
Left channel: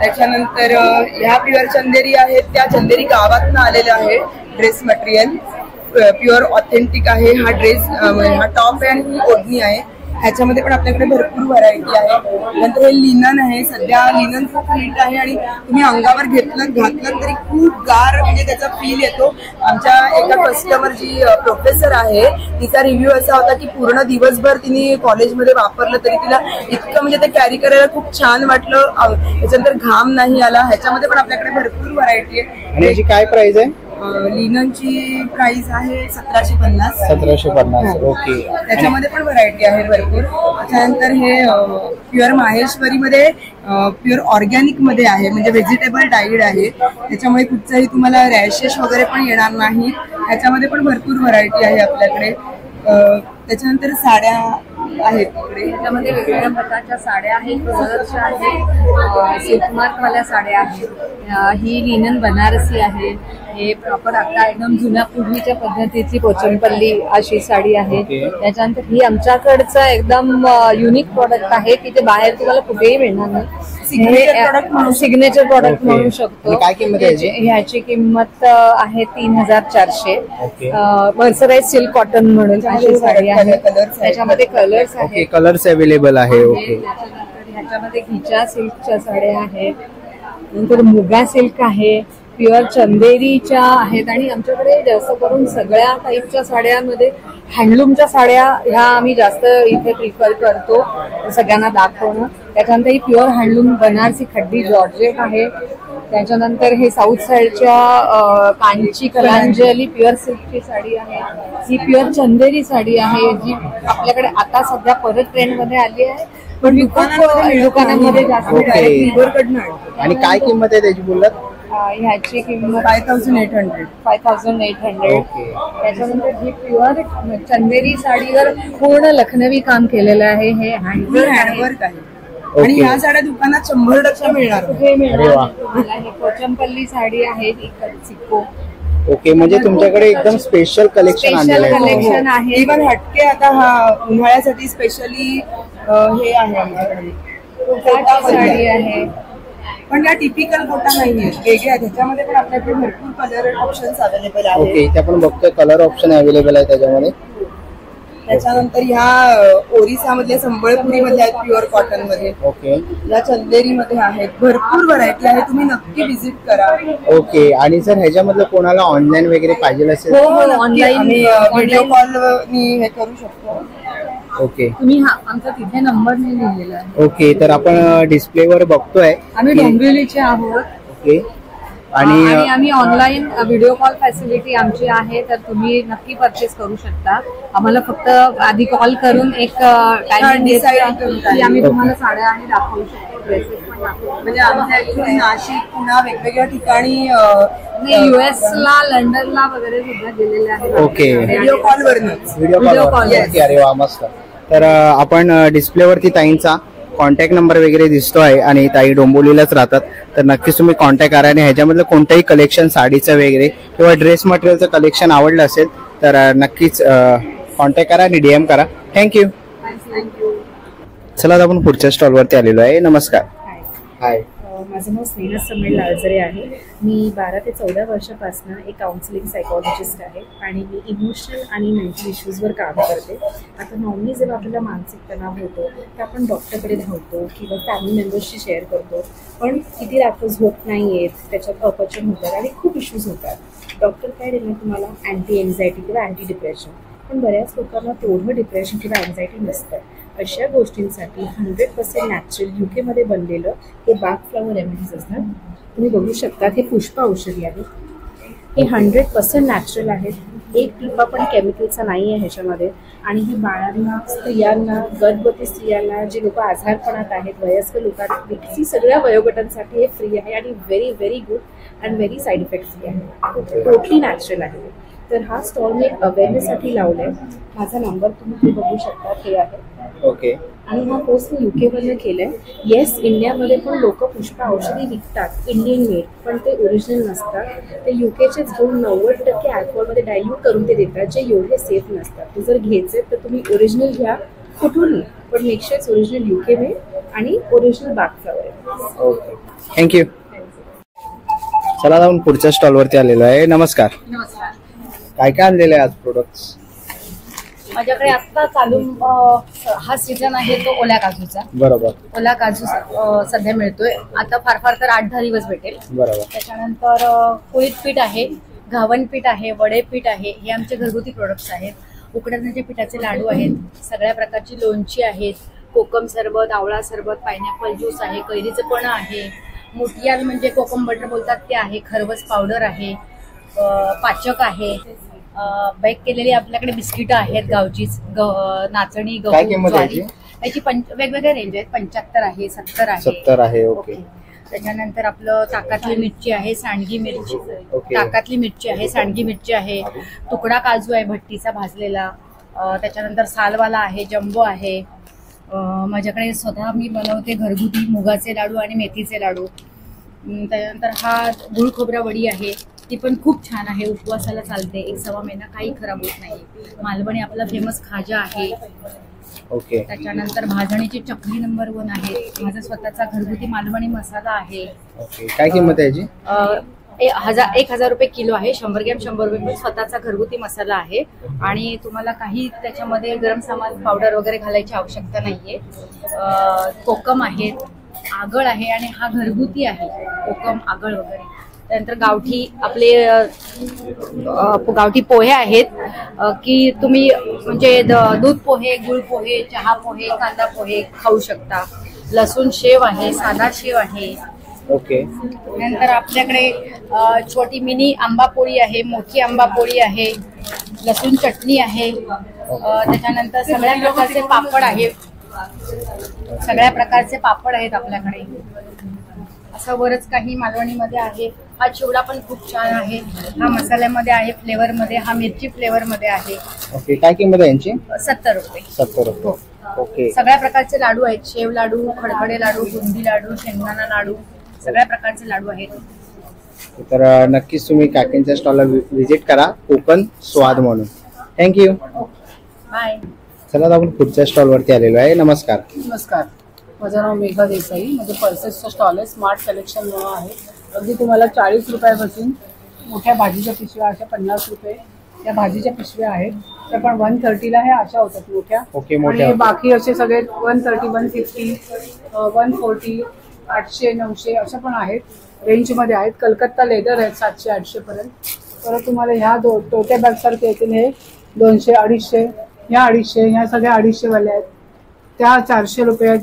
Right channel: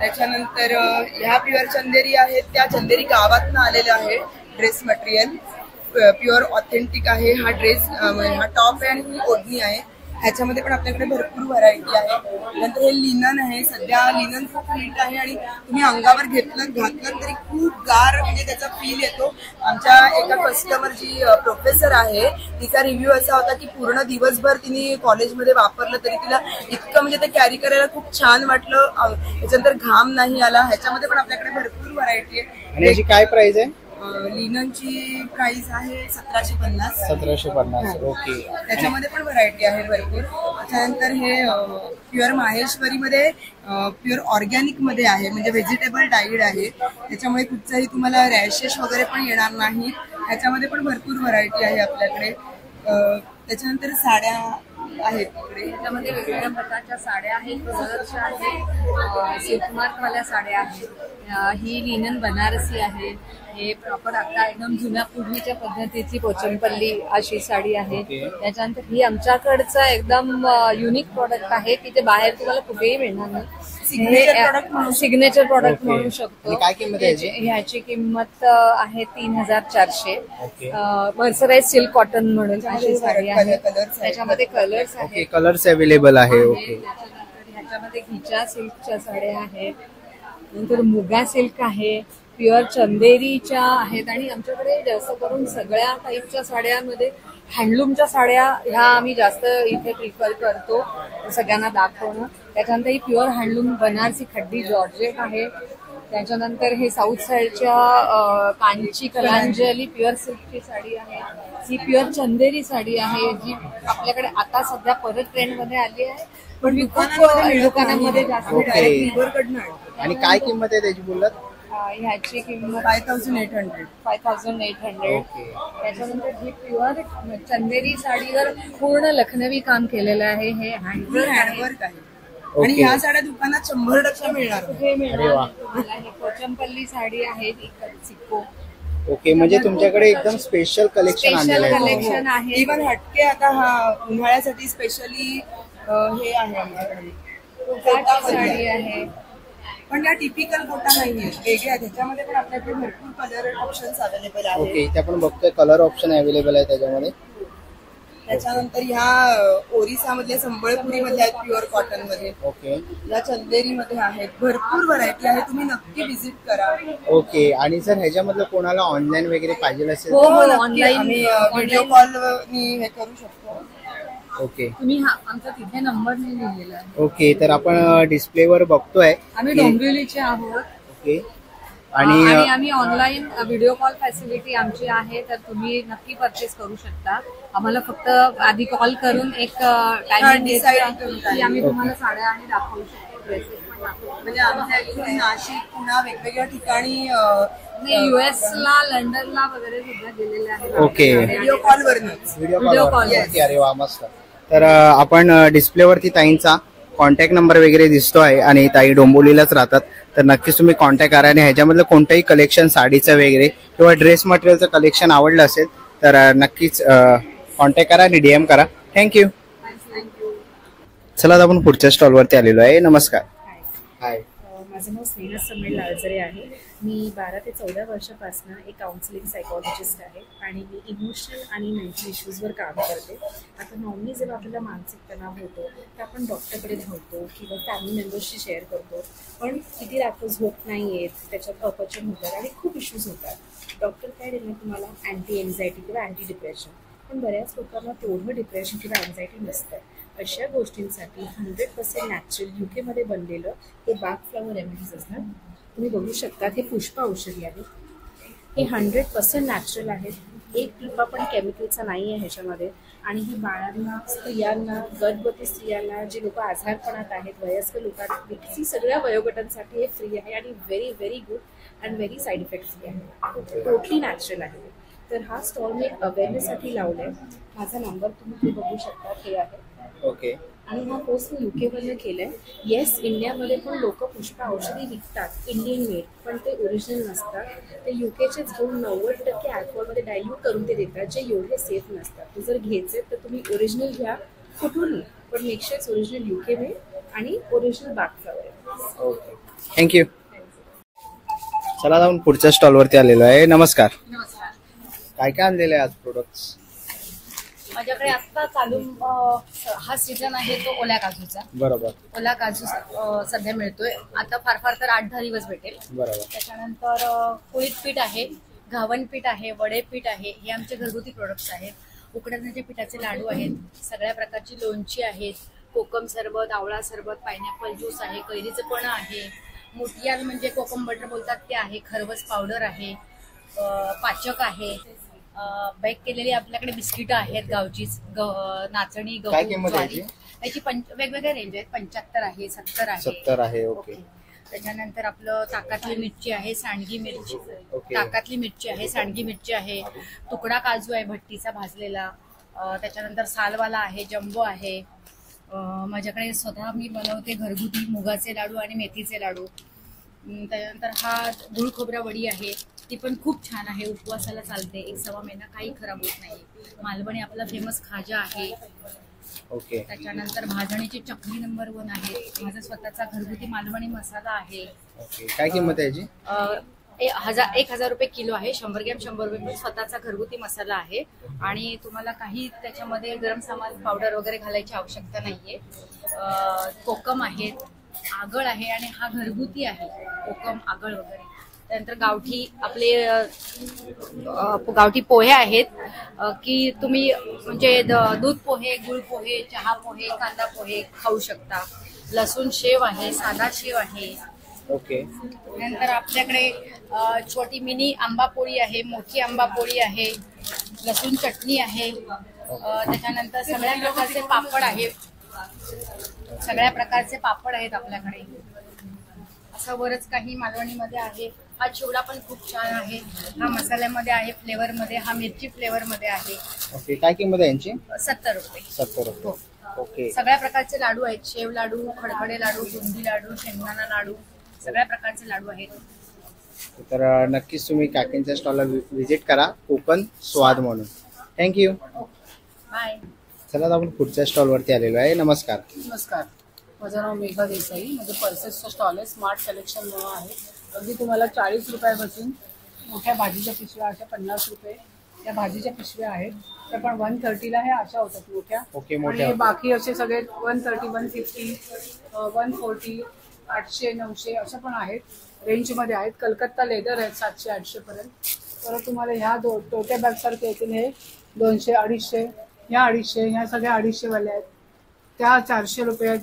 त्याच्यानंतर ह्या प्युअर चंदेरी आहेत, त्या चंदेरी गावातून आलेल्या आहे. ड्रेस मटेरियल प्युअर ऑथेंटिक आहे. हा ड्रेस, हा टॉप आहे आणि ही ओढणी आहे. ह्याच्यामध्ये पण आपल्याकडे भरपूर व्हरायटी आहे. नंतर हे लिनन आहे, सध्या लिनन खूप हिट आहे आणि तुम्ही अंगावर घातलं तरी खूप गार म्हणजे त्याचा फील येतो. आमच्या एका कस्टमर जी प्रोफेसर आहे तिचा रिव्ह्यू असा होता की पूर्ण दिवसभर तिने कॉलेजमध्ये वापरलं तरी तिला इतकं म्हणजे ते कॅरी करायला खूप छान वाटलं. त्याच्यानंतर घाम नाही आला. ह्याच्यामध्ये पण आपल्याकडे भरपूर व्हरायटी आहे. आणि काय प्राइस आहे? लिननची प्राइस आहे 1750. 1750. ओके. त्याच्यामध्ये पण व्हरायटी आहे भरपूर. त्याच्यानंतर हे प्युअर माहेश्वरीमध्ये प्युअर ऑर्गॅनिक मध्ये आहे, म्हणजे व्हेजिटेबल डाईड आहे. त्याच्यामुळे कुठचाही तुम्हाला रॅशेस वगैरे पण येणार नाही. त्याच्यामध्ये पण भरपूर व्हरायटी आहे आपल्याकडे. त्याच्यानंतर साड्या आहेत तिकडे. त्याच्यामध्ये वेगवेगळ्या प्रकारच्या साड्या आहेत, कलरच्या आहेत, सिल्कमार्कवाल्या साड्या आहेत. ही लिनन बनारसी आहे. हे प्रॉपर आता एकदम जुन्या पूर्वीच्या पद्धतीची पोचमपल्ली अशी साडी आहे. त्याच्यानंतर ही आमच्याकडचं एकदम युनिक प्रॉडक्ट आहे की ते बाहेर तुम्हाला कुठेही मिळणार नाही. सिग्नेचर प्रॉडक्ट म्हणू शकतो. काय किंमत आहे? ह्याची किंमत आहे 3400. मर्सराइज सिल्क कॉटन म्हणून अशी साडी आहे. त्याच्यामध्ये कलर्स आहेत, कलर्स अवेलेबल आहे. ओके. ह्याच्यामध्ये घिचा सिल्कच्या साड्या आहेत, नंतर मुगा सिल्क आहे, प्युअर चंदेरीच्या आहेत. आणि आमच्याकडे जास्त करून सगळ्या टाईपच्या साड्यांमध्ये हँडलूमच्या साड्या ह्या आम्ही जास्त इथे प्रिफर करतो सगळ्यांना दाखवणं. त्याच्यानंतर ही प्युअर हँडलूम बनारसी खड्डी जॉर्जेट आहे. त्याच्यानंतर हे साऊथ साईडच्या कांची कलांजली प्युअर सिल्कची साडी आहे. ही प्युअर चंदेरी साडी आहे जी आपल्याकडे आता सध्या परत ट्रेंडमध्ये आली आहे, पण दुकानांमध्ये जास्त. आणि काय किंमत आहे त्याची बोललात? ह्याची किंमत 5800. 5800. त्याच्यानंतर ही प्युअर चंदेरी साडीवर पूर्ण लखनवी काम केलेलं आहे. हे हँडवर्क आहे आणि ह्या साड्या दुकानात 100% मिळणार. हे मिळणार. पोचमपल्ली साडी आहे सिक्को. ओके. म्हणजे तुमच्याकडे एकदम स्पेशल कलेक्शन कलेक्शन आहे. इव्हन हटके आता हा उन्हाळ्यासाठी स्पेशली हे आहे आमच्याकडे साडी आहे, पण त्या टिपिकल कोटा नाहीये, वेगळ्या. त्याच्यामध्ये पण आपल्याकडे भरपूर कलर ऑप्शन्स अवेलेबल आहेत. ओके. इथे आपण बघतोय कलर ऑप्शन अवेलेबल आहे त्याच्यामध्ये. त्याच्यानंतर ह्या ओरिसा मधल्या संबळपुरी मध्ये आहेत प्युअर कॉटन मध्ये. ओके. या चंदेरी मध्ये आहेत. भरपूर व्हरायटी आहे, तुम्ही नक्की व्हिजिट करा. ओके. आणि जर ह्याच्यामधलं कोणाला ऑनलाईन वगैरे पाहिजे असेल ऑनलाईन व्हिडिओ कॉल हे करू शकतो. ओके. तुम्ही आमचा तिथे नंबर नाही लिहिलेला आहे. ओके. तर आपण डिस्प्लेवर बघतोय. आम्ही डोंबिवलीचे आहोत. ओके. आणि आम्ही ऑनलाईन व्हिडिओ कॉल फॅसिलिटी आमची आहे, तर तुम्ही नक्की परचेस करू शकता. आम्हाला फक्त आधी कॉल करून एक टाइम डिसाईड करून की आम्ही तुम्हाला साड्या आणि दाखवू शकतो, ड्रेसेस पण दाखवू. म्हणजे आमच्या इथे नाशिक, पुणा वेगवेगळ्या ठिकाणी US ला, लंडनला वगैरे सुद्धा गेलेले आहेत. ओके. व्हिडिओ कॉलवरच. Video call. अरे वा, मस्त. तर आपण डिस्प्लेवरती ताईंचा कॉन्टॅक्ट नंबर वगैरे दिसतोय आणि ताई डोंबिवलीलाच राहतात, तर नक्कीच तुम्ही कॉन्टॅक्ट करा. आणि ह्याच्यामधलं कोणतंही कलेक्शन साडीचं वगैरे किंवा ड्रेस मटेरियलचं कलेक्शन आवडलं असेल तर नक्कीच कॉन्टॅक्ट करा आणि DM करा. थँक्यू. चला आता आपण पुढच्या स्टॉलवरती आलेलो आहे. नमस्कार. हाय. माझं नाव स्नेहा समीर लालजरे आहे. मी 12 ते 14 वर्षापासून एक काउन्सिलिंग सायकॉलॉजिस्ट आहे आणि मी इमोशनल आणि मेंटल इश्यूजवर काम करते. आता नॉर्मली जेव्हा आपल्याला मानसिक तणाव होतो तर आपण डॉक्टरकडे धावतो किंवा फॅमिली मेंबर्सशी शेअर करतो, पण किती रात्र झोप नाही येत, त्याच्यात अपचन होतात आणि खूप इश्यूज होतात. डॉक्टर काय देणार तुम्हाला? अँटी एन्झायटी किंवा अँटी डिप्रेशन. पण बऱ्याच लोकांना तेवढं डिप्रेशन किंवा एन्झायटी नसतं. अशा गोष्टींसाठी 100% नॅचरल UK मध्ये बनलेलं हे बाग फ्लॉवर रेमेडीज असतात. तुम्ही बघू शकता हे पुष्प औषधी आहे. हे 100% नॅचरल आहेत. एक टिपा पण केमिकलचा नाही आहे ह्याच्यामध्ये. आणि हे बाळांना, स्त्रियांना, गर्भवती स्त्रियांना, जे लोक आजारपणात आहेत, वयस्कर लोकांना, सगळ्या वयोगटांसाठी हे फ्री आहे आणि very very good and very side effect free आहे. टोटली नॅचरल आहे. तर हा स्टॉल मी अवेअरनेससाठी लावलाय. माझा नंबर तुम्ही बघू शकता, हे आहे. ओके. आणि हा कोर्स मी UK मधनं केलाय. येस, इंडियामध्ये पण लोक पुष्प औषधी विकतात इंडियन मेड, पण ते ओरिजिनल नसतात. ते UKचेच घेऊन 90% अल्कोहोलमध्ये डायल्यूट करून ते देतात, जे एवढे सेफ नसतात. ते जर घ्यायचे तर तुम्ही ओरिजिनल घ्या, कुठूनही, पण मेकशेच ओरिजिनल UK मेड आणि ओरिजिनल बाग फ्लॉवर. ओके. थँक्यू. चला जाऊन पुढच्या स्टॉलवरती आलेलो आहे. नमस्कार. नमस्कार. काय काय आणलेलं आहे आज प्रोडक्ट्स? माझ्याकडे आता चालू हा सीझन आहे तो ओल्या काजूचा. बरोबर. ओला काजू सध्या मिळतोय आता, फार फार तर 8-10 दिवस भेटेल. बरोबर. त्याच्यानंतर कुळीत पीठ आहे, घावन पीठ आहे, वडे पीठ आहे, हे आमचे घरगुती प्रोडक्ट्स आहेत. उकडण्याच्या पिठाचे लाडू आहेत, सगळ्या प्रकारची लोणची आहेत, कोकम सरबत, आवळा सरबत, पायनॅपल ज्यूस आहे, कैरीचं पण आहे, मोटियाल म्हणजे कोकम बटर बोलतात ते आहे, खरवस पावडर आहे, पाचक आहे, बेक केलेली आपल्याकडे बिस्किटं आहेत गावचीच, नाचणी, गहू, ज्वारी, याची वेगवेगळे रेंज आहेत. 75 आहे, 70 आहे. ओके. त्याच्यानंतर आपलं ताकातली मिरची आहे, सांडगी मिरची, ताकातली मिरची आहे, सांडगी मिरची आहे, तुकडा काजू आहे भट्टीचा भाजलेला, त्याच्यानंतर सालवाला आहे, जम्बो आहे. माझ्याकडे स्वतः मी बनवते घरगुती मुगाचे लाडू आणि मेथीचे लाडू. त्याच्यानंतर हा गुळ खोबरा वडी आहे, ती पण खूप छान आहे, उपवासाला चालते, 1-1.25 महिना काही खराब होत नाही. मालवणी आपला फेमस खाजा आहे. ओके. त्याच्यानंतर भाजणीची चकली नंबर 1 आहे, माझा स्वतःचा घरगुती मालवणी मसाला आहे. ओके. काय किंमत आहे याची? 1,000 रुपये किलो आहे. 100 ग्रॅम 100 रुपये. स्वतःचा घरगुती मसाला आहे आणि तुम्हाला काही त्याच्यामध्ये गरम सामान पावडर वगैरे घालायची आवश्यकता नाहीये. कोकम आहेत, आगळ आहे आणि हा घरगुती आहे, कोकम आगळ वगैरे. त्यानंतर गावठी आपले गावठी पोहे आहेत की तुम्ही म्हणजे दूध पोहे, गुळ पोहे, चहा पोहे, कांदा पोहे खाऊ शकता. लसूण शेव आहे, साधा शेव आहे. ओके. नंतर आपल्याकडे छोटी मिनी आंबा पोळी आहे, मोठी आंबा पोळी आहे, लसूण चटणी आहे. त्याच्यानंतर सगळ्या प्रकारचे पापड आहेत, सगळ्या प्रकारचे पापड आहेत आपल्याकडे. असं बरंच काही मालवणीमध्ये आहे. हा चिवडा पण खूप छान आहे, हा मसाल्यामध्ये आहे, फ्लेवर मध्ये, हा मिरची फ्लेवर मध्ये आहे. ओके. काय किंमत आहे यांची? 70 रुपये. 70 रुपये. ओके. सगळ्या प्रकारचे लाडू आहेत, शेव लाडू, खडखडे लाडू, बुंदी लाडू, शेंगदाणा लाडू, सगळ्या प्रकारचे लाडू आहेत. तर नक्कीच तुम्ही काकींच्या स्टॉलला व्हिजिट करा, कोकण स्वाद म्हणून. थँक्यू. बाय. चला आपण पुढच्या स्टॉलवरती आलेलो आहे. नमस्कार. नमस्कार, माझं नाव मेघा देसाई. म्हणजे पल्सेसचं स्टॉल आहे, स्मार्ट कलेक्शन म्हणून आहे. अगदी तुम्हाला 40 रुपयापासून मोठ्या भाजीच्या पिशव्या अशा 50 रुपये या भाजीच्या पिशव्या आहेत. तर पण 130ला हे अशा होतात मोठ्या. ओके. आणि बाकी असे सगळे 130, 150, 140, 800, 900 अशा पण आहेत, रेंजमध्ये आहेत. कलकत्ता लेदर आहेत 700-800 पर्यंत. तर तुम्हाला ह्या टोट्या बॅग सारखे येतील हे 200, 250, ह्या 250, ह्या सगळ्या 250 वाल्या आहेत. त्या 400 रुपये.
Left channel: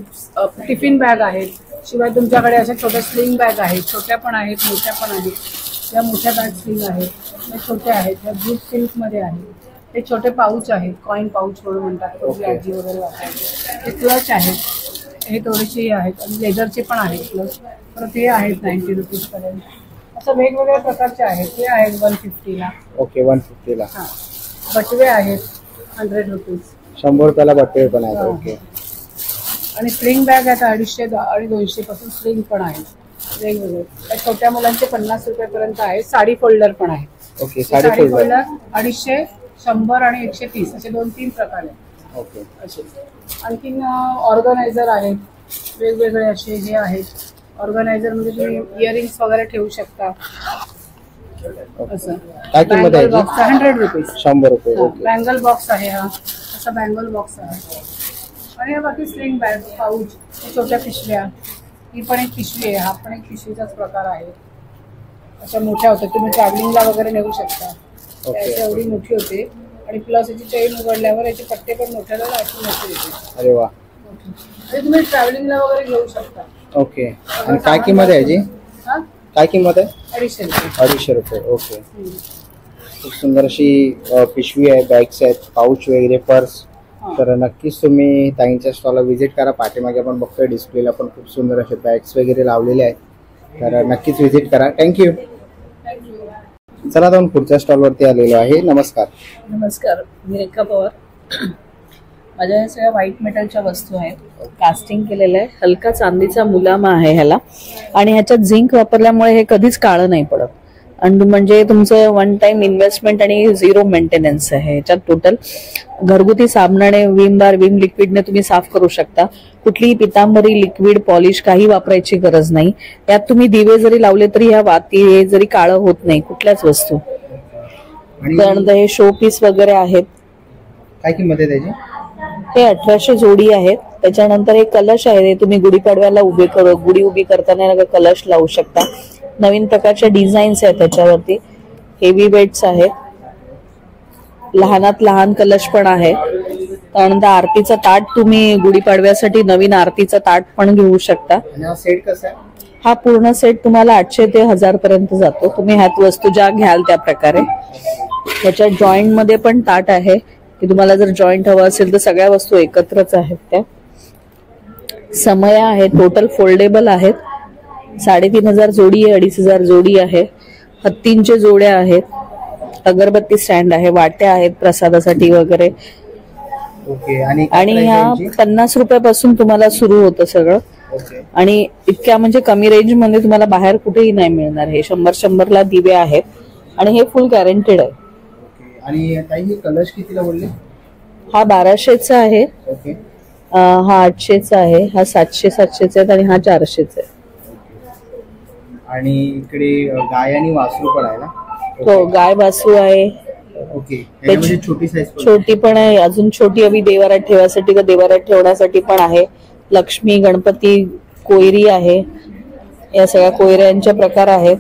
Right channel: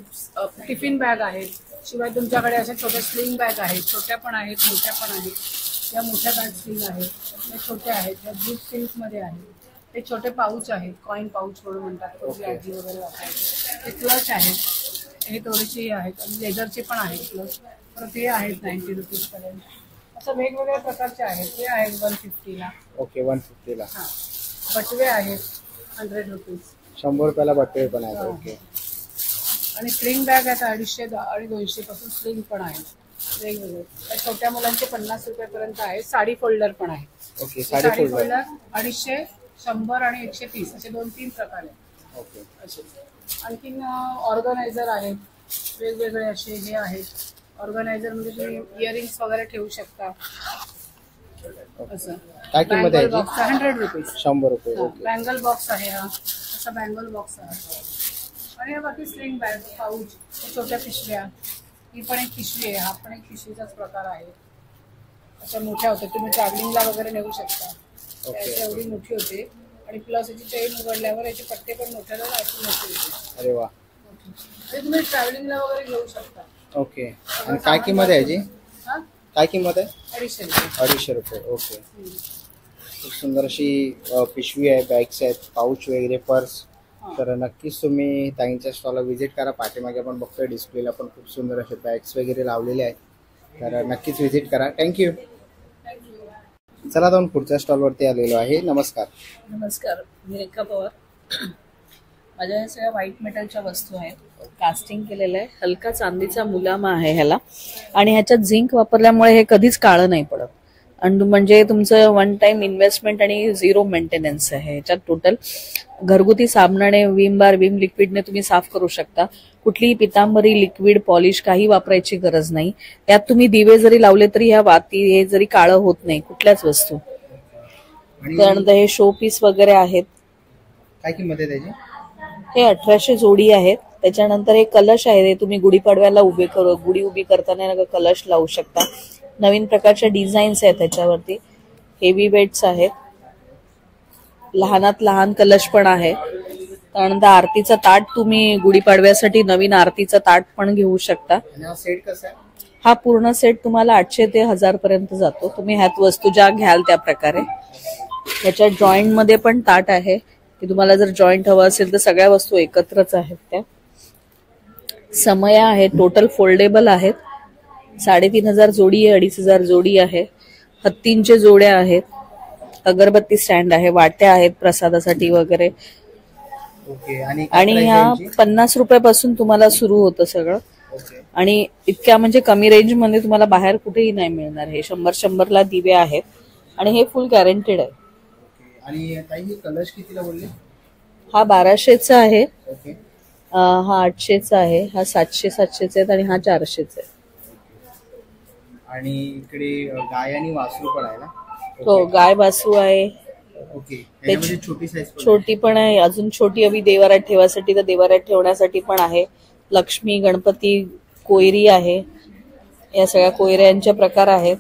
टिफिन बॅग आहेत. शिवाय तुमच्याकडे अशा छोट्या स्लिंग बॅग आहेत, छोट्या पण आहेत, मोठ्या पण आहेत. या मोठ्या बॅग स्लिंग आहेत, या छोट्या आहेत, ह्या जूट सिल्कमध्ये आहेत. हे छोटे पाऊच आहेत, कॉइन पाऊच म्हणून म्हणतात, आजी वगैरे वापरायचे. हे क्लच आहेत, हे थोडेसे आहेत आणि लेदरचे पण आहेत क्लच. तर ते आहेत 90 रुपीज पर्यंत. असं वेगवेगळ्या प्रकारचे आहेत. ते आहेत 150ला. ओके. 150ला. हा. बटवे आहेत 100 रुपीज. 100 रुपयाला बटवे पण आहेत. ओके. आणि स्लिंग बॅग आहेत 250 आणि 200 पासून स्लिंग पण आहेत वेगवेगळे. छोट्या मुलांचे 50 रुपयापर्यंत आहेत. साडी फोल्डर पण आहे. ओके. साडी फोल्डर 250, 100 आणि 130 असे 2-3 प्रकार आहेत. ओके. असे आणखीन ऑर्गनायझर आहेत वेगवेगळे असे हे आहेत. ऑर्गनायझर म्हणजे तुम्ही इयरिंग्स वगैरे ठेवू शकता. असं. काय किंमत आहे? 100 रुपीज. 100 रुपये. बँगल बॉक्स आहे हा, असा बँगल बॉक्स आहे. आणि हे बाकी स्लिंग बॅग, पाऊच, छोट्या पिशव्या. ही पण एक पिशवी आहे, हा पण एक पिशवीचाच प्रकार आहे. अशा मोठ्या होत्या, तुम्ही ट्रॅव्हलिंगला वगैरे नेऊ शकता. एवढी मोठी होते आणि प्लस याची चेन उघडल्यावर याचे पट्टे पण मोठ्याला अशी मोठी होते. अरे वा. आणि तुम्ही ट्रॅव्हलिंगला वगैरे घेऊ शकता. ओके. आणि काय किंमत आहे याची? काय किंमत आहे? 250 रुपये. 250 रुपये. ओके. खूप सुंदर अशी पिशवी आहे, बॅग्स आहेत, पाऊच वगैरे, पर्स. तर नक्कीच तुम्ही ताईंच्या स्टॉलला व्हिजिट करा. पाठीमागे आपण बघतोय डिस्प्लेला पण खूप सुंदर असे बॅग्स वगैरे लावलेले आहेत. तर नक्कीच व्हिजिट करा. थँक्यू. चला आता आपण पुढच्या स्टॉलवरती आलेलो आहे. नमस्कार. नमस्कार, मी रेखा पवार. माझ्या या सगळ्या व्हाईट मेटलच्या वस्तू आहेत. कास्टिंग केलेलं आहे, हलका चांदीचा मुलामा आहे ह्याला. आणि ह्याच्यात झिंक वापरल्यामुळे हे कधीच काळं नाही पडत. आणि म्हणजे तुमचं 1 टाइम इन्व्हेस्टमेंट आणि 0 मेंटेनन्स आहे. ह्याच्यात टोटल घरगुती साबणाने, विम बार, विम लिक्विडने तुम्ही साफ करू शकता. कुठलीही पितांबरी, लिक्विड, पॉलिश काही वापरायची गरज नाही. यात तुम्ही दिवे जरी लावले तरी ह्या वाती जरी काळं होत नाही कुठल्याच वस्तू. त्यानंतर हे शो पीस वगैरे आहेत. काय किंमत आहे त्याची? हे 1800 जोडी आहेत. त्याच्यानंतर हे कलश आहे, हे तुम्ही गुढीपाडव्याला गुढी उभी करताना कलश लावू शकता. नवीन प्रकारच्या डिझाईन्स आहेत त्याच्यावरती. हेवी वेट्स आहेत, लहानात लहान कलश पण आहे. त्यानंतर आरतीचं ताट, तुम्ही गुढीपाडव्यासाठी नवीन आरतीचं ताट पण घेऊ शकता. सेट कसा आहे? हा पूर्ण सेट तुम्हाला 800 ते 1000 पर्यंत जातो. तुम्ही ह्यात वस्तू ज्या घ्याल त्या प्रकारे. त्याच्यात जॉईंट मध्ये पण ताट आहे की तुम्हाला जर जॉईंट हवं असेल तर सगळ्या वस्तू एकत्रच आहेत त्या. समया आहे, टोटल फोल्डेबल आहेत. 3500 जोडी आहे, 2500 जोडी आहे. हत्तींच्या जोड्या आहेत, अगरबत्ती स्टँड आहे, वाट्या आहेत प्रसादासाठी वगैरे. आणि ह्या 50 रुपयापासून तुम्हाला सुरू होतं सगळं. आणि इतक्या म्हणजे कमी रेंज मध्ये तुम्हाला बाहेर कुठेही नाही मिळणार. हे 100 ला दिवे आहेत आणि हे फुल गॅरंटेड आहे. आणि काही कलश कितीला बोलले? हा 1200चा आहे, हा 800चा आहे, हा 700चा आहे आणि हा 400चा आहे. आणि इकडे गाय आणि वासरू पण आहे ना? हो, गाय वासरू आहे. छोटी साईज छोटी पण आहे, अजून छोटी हवी देवारात ठेवासाठी का देवारात ठेवण्यासाठी पण आहे. लक्ष्मी, गणपती, कोयरी आहे, या सगळ्या कोयऱ्यांचे प्रकार आहेत.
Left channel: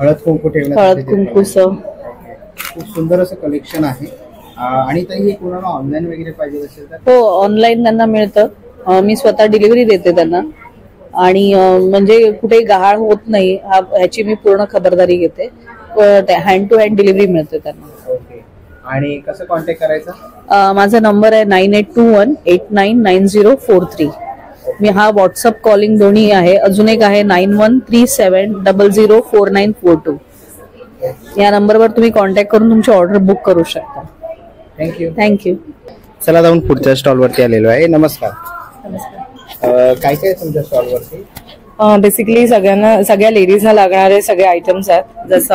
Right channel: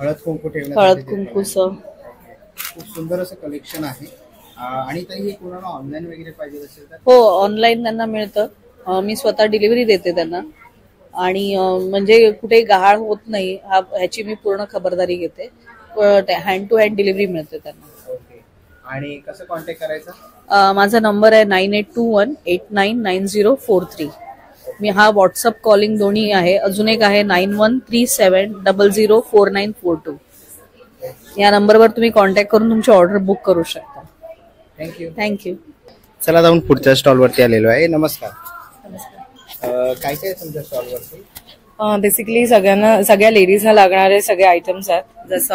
हळद कुंकू खूप सुंदर असं कलेक्शन आहे. आणि ताई कोणाला ऑनलाईन वगैरे पाहिजे असेल तर? हो, ऑनलाईन त्यांना मिळतं. मी स्वतः डिलिव्हरी देते त्यांना. आणि म्हणजे कुठे गहाळ होत नाही ह्याची मी पूर्ण खबरदारी घेते. हँड टू हँड डिलिव्हरी मिळते त्यांना. आणि कसं कॉन्टॅक्ट करायचा? माझा नंबर आहे 9821899043. मी हा व्हॉट्सअप कॉलिंग दोन्ही आहे. अजून एक आहे 9137004942. या नंबरवर तुम्ही कॉन्टॅक्ट करून तुमची ऑर्डर बुक करू शकता. थँक्यू. चला जाऊन पुढच्या स्टॉलवरती आलेलो आहे. नमस्कार. काय काय तुमच्या स्टॉलवरती? बेसिकली सगळ्या लेडीजना लागणारे सगळे आयटम्स आहेत. जसं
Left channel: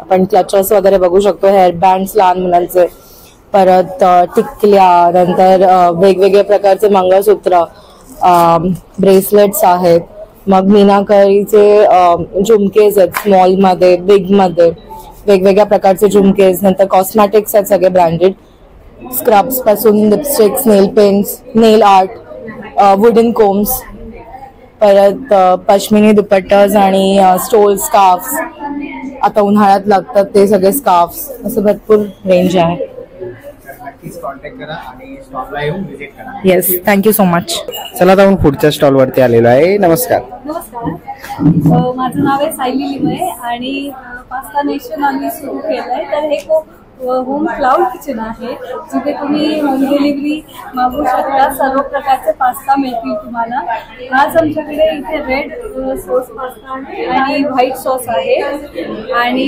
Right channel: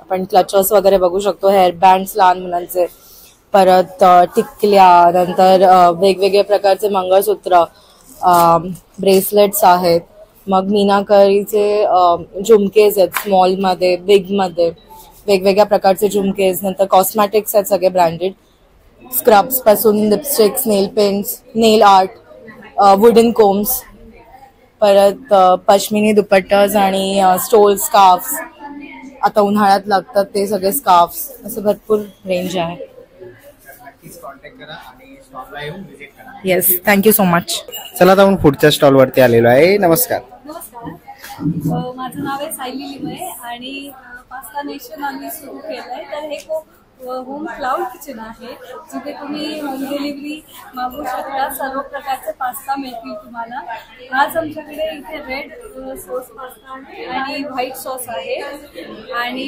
आपण क्लचर्स वगैरे बघू शकतो, हेअर बँड्स लहान मुलांचे, परत टिकल्या, नंतर वेगवेगळ्या प्रकारचे मंगळसूत्र, ब्रेसलेट्स आहेत, मग मीनाकारीचे झुमकेज आहेत, स्मॉल मध्ये, बिग मध्ये, वेगवेगळ्या प्रकारचे झुमकेज. नंतर कॉस्मॅटिक्स आहेत सगळे ब्रँडेड, स्क्रब्स पासून लिपस्टिक्स, नेल पेन्स, नेल आर्ट, वुडन कोम्स, परत पश्मिनी दुपट्टाज आणि स्टोल स्कार्फ्स, आता उन्हाळ्यात लागतात ते सगळे स्कार्फ्स, असं भरपूर रेंज आहे. Yes, thank you so much. चला जाऊन पुढच्या स्टॉल वरती आलेलो आहे. नमस्कार. माझं नाव आहे सायली लिमये आणि पास्ता नेशन आम्ही सुरू केलंय. तर हे होम क्लाउड किचन आहे, जिथे तुम्ही होम डिलिव्हरी मागू शकता. सर्व प्रकारचे पास्ता मिळतील तुम्हाला. आज आमच्याकडे इथे रेड सॉस पास्ता आणि व्हाईट सॉस आहे आणि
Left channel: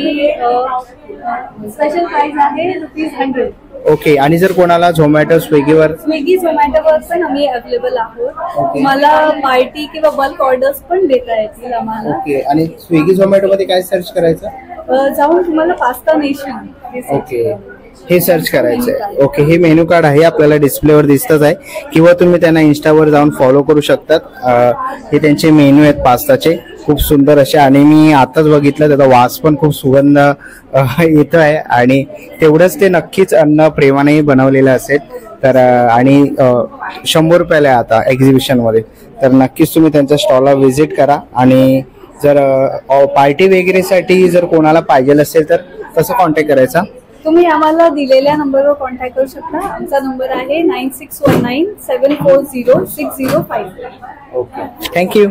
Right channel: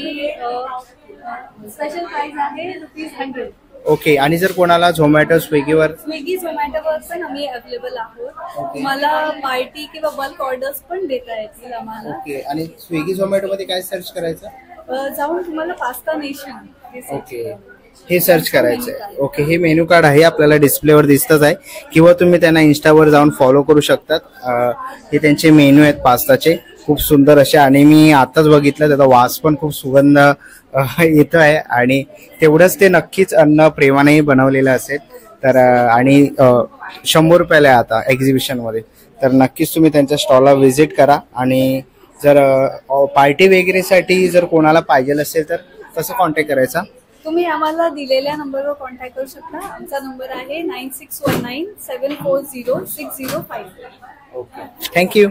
स्पेशल प्राइस आहे ₹100. ओके. आणि जर कोणाला झोमॅटो, स्विगी झोमॅटोवर पण आम्ही अवेलेबल आहोत. तुम्हाला पार्टी किंवा बल्क ऑर्डर्स पण देता येतील आम्हाला. ओके. आणि स्विगी झोमॅटो मध्ये काय सर्च करायचं? जाऊन तुम्हाला पास्ता नेशन हे सर्च करायचंय. ओके. हे मेन्यू कार्ड आहे, आपल्याला डिस्प्लेवर दिसतच आहे, किंवा तुम्ही त्यांना इन्स्टावर जाऊन फॉलो करू शकतात. हे त्यांचे मेन्यू आहेत पास्ताचे, खूप सुंदर असे. आणि मी आताच बघितलं, त्याचा वास पण खूप सुगंध येतो आहे. आणि तेवढंच ते नक्कीच अन्न प्रेमानेही बनवलेलं असेल. तर आणि 100 रुपयाला आहे आता एक्झिबिशन मध्ये. तर नक्कीच तुम्ही त्यांच्या स्टॉलला व्हिजिट करा. आणि जर पार्टी वगैरे साठी जर कोणाला पाहिजे असेल तर कसं कॉन्टॅक्ट करायचा? तुम्ही आम्हाला दिलेल्या नंबरवर कॉन्टॅक्ट करू शकता. आमचा नंबर आहे 9619740605. Okay, thank you.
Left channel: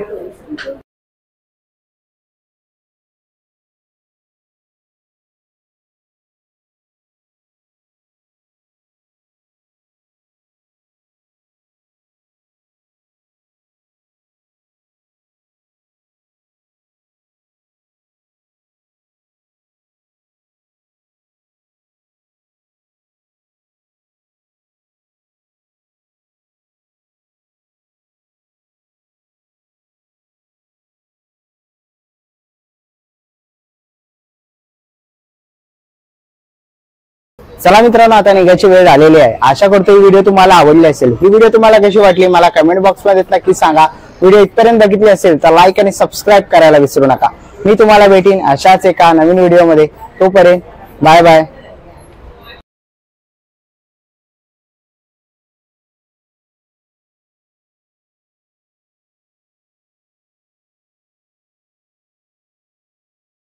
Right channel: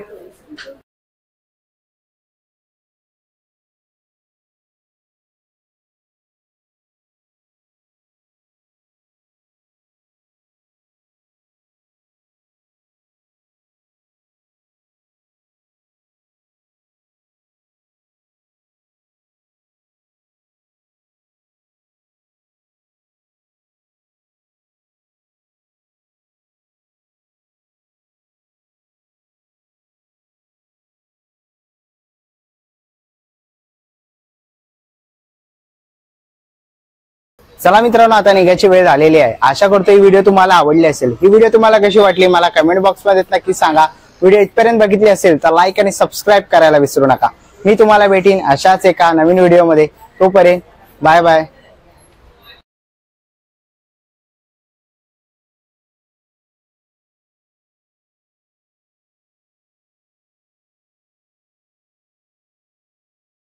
चला मित्रांनो, आता निघायची वेळ झालेली आहे. आशा करतो ही व्हिडिओ तुम्हाला आवडली असेल. ही व्हिडिओ तुम्हाला कशी वाटली मला कमेंट बॉक्स मध्ये नक्की सांगा. व्हिडिओ इथपर्यंत बघितली असेल तर लाईक आणि सबस्क्राईब करायला विसरू नका. मी तुम्हाला भेटीन अशाच एका नवीन व्हिडिओ मध्ये. तोपर्यंत बाय बाय.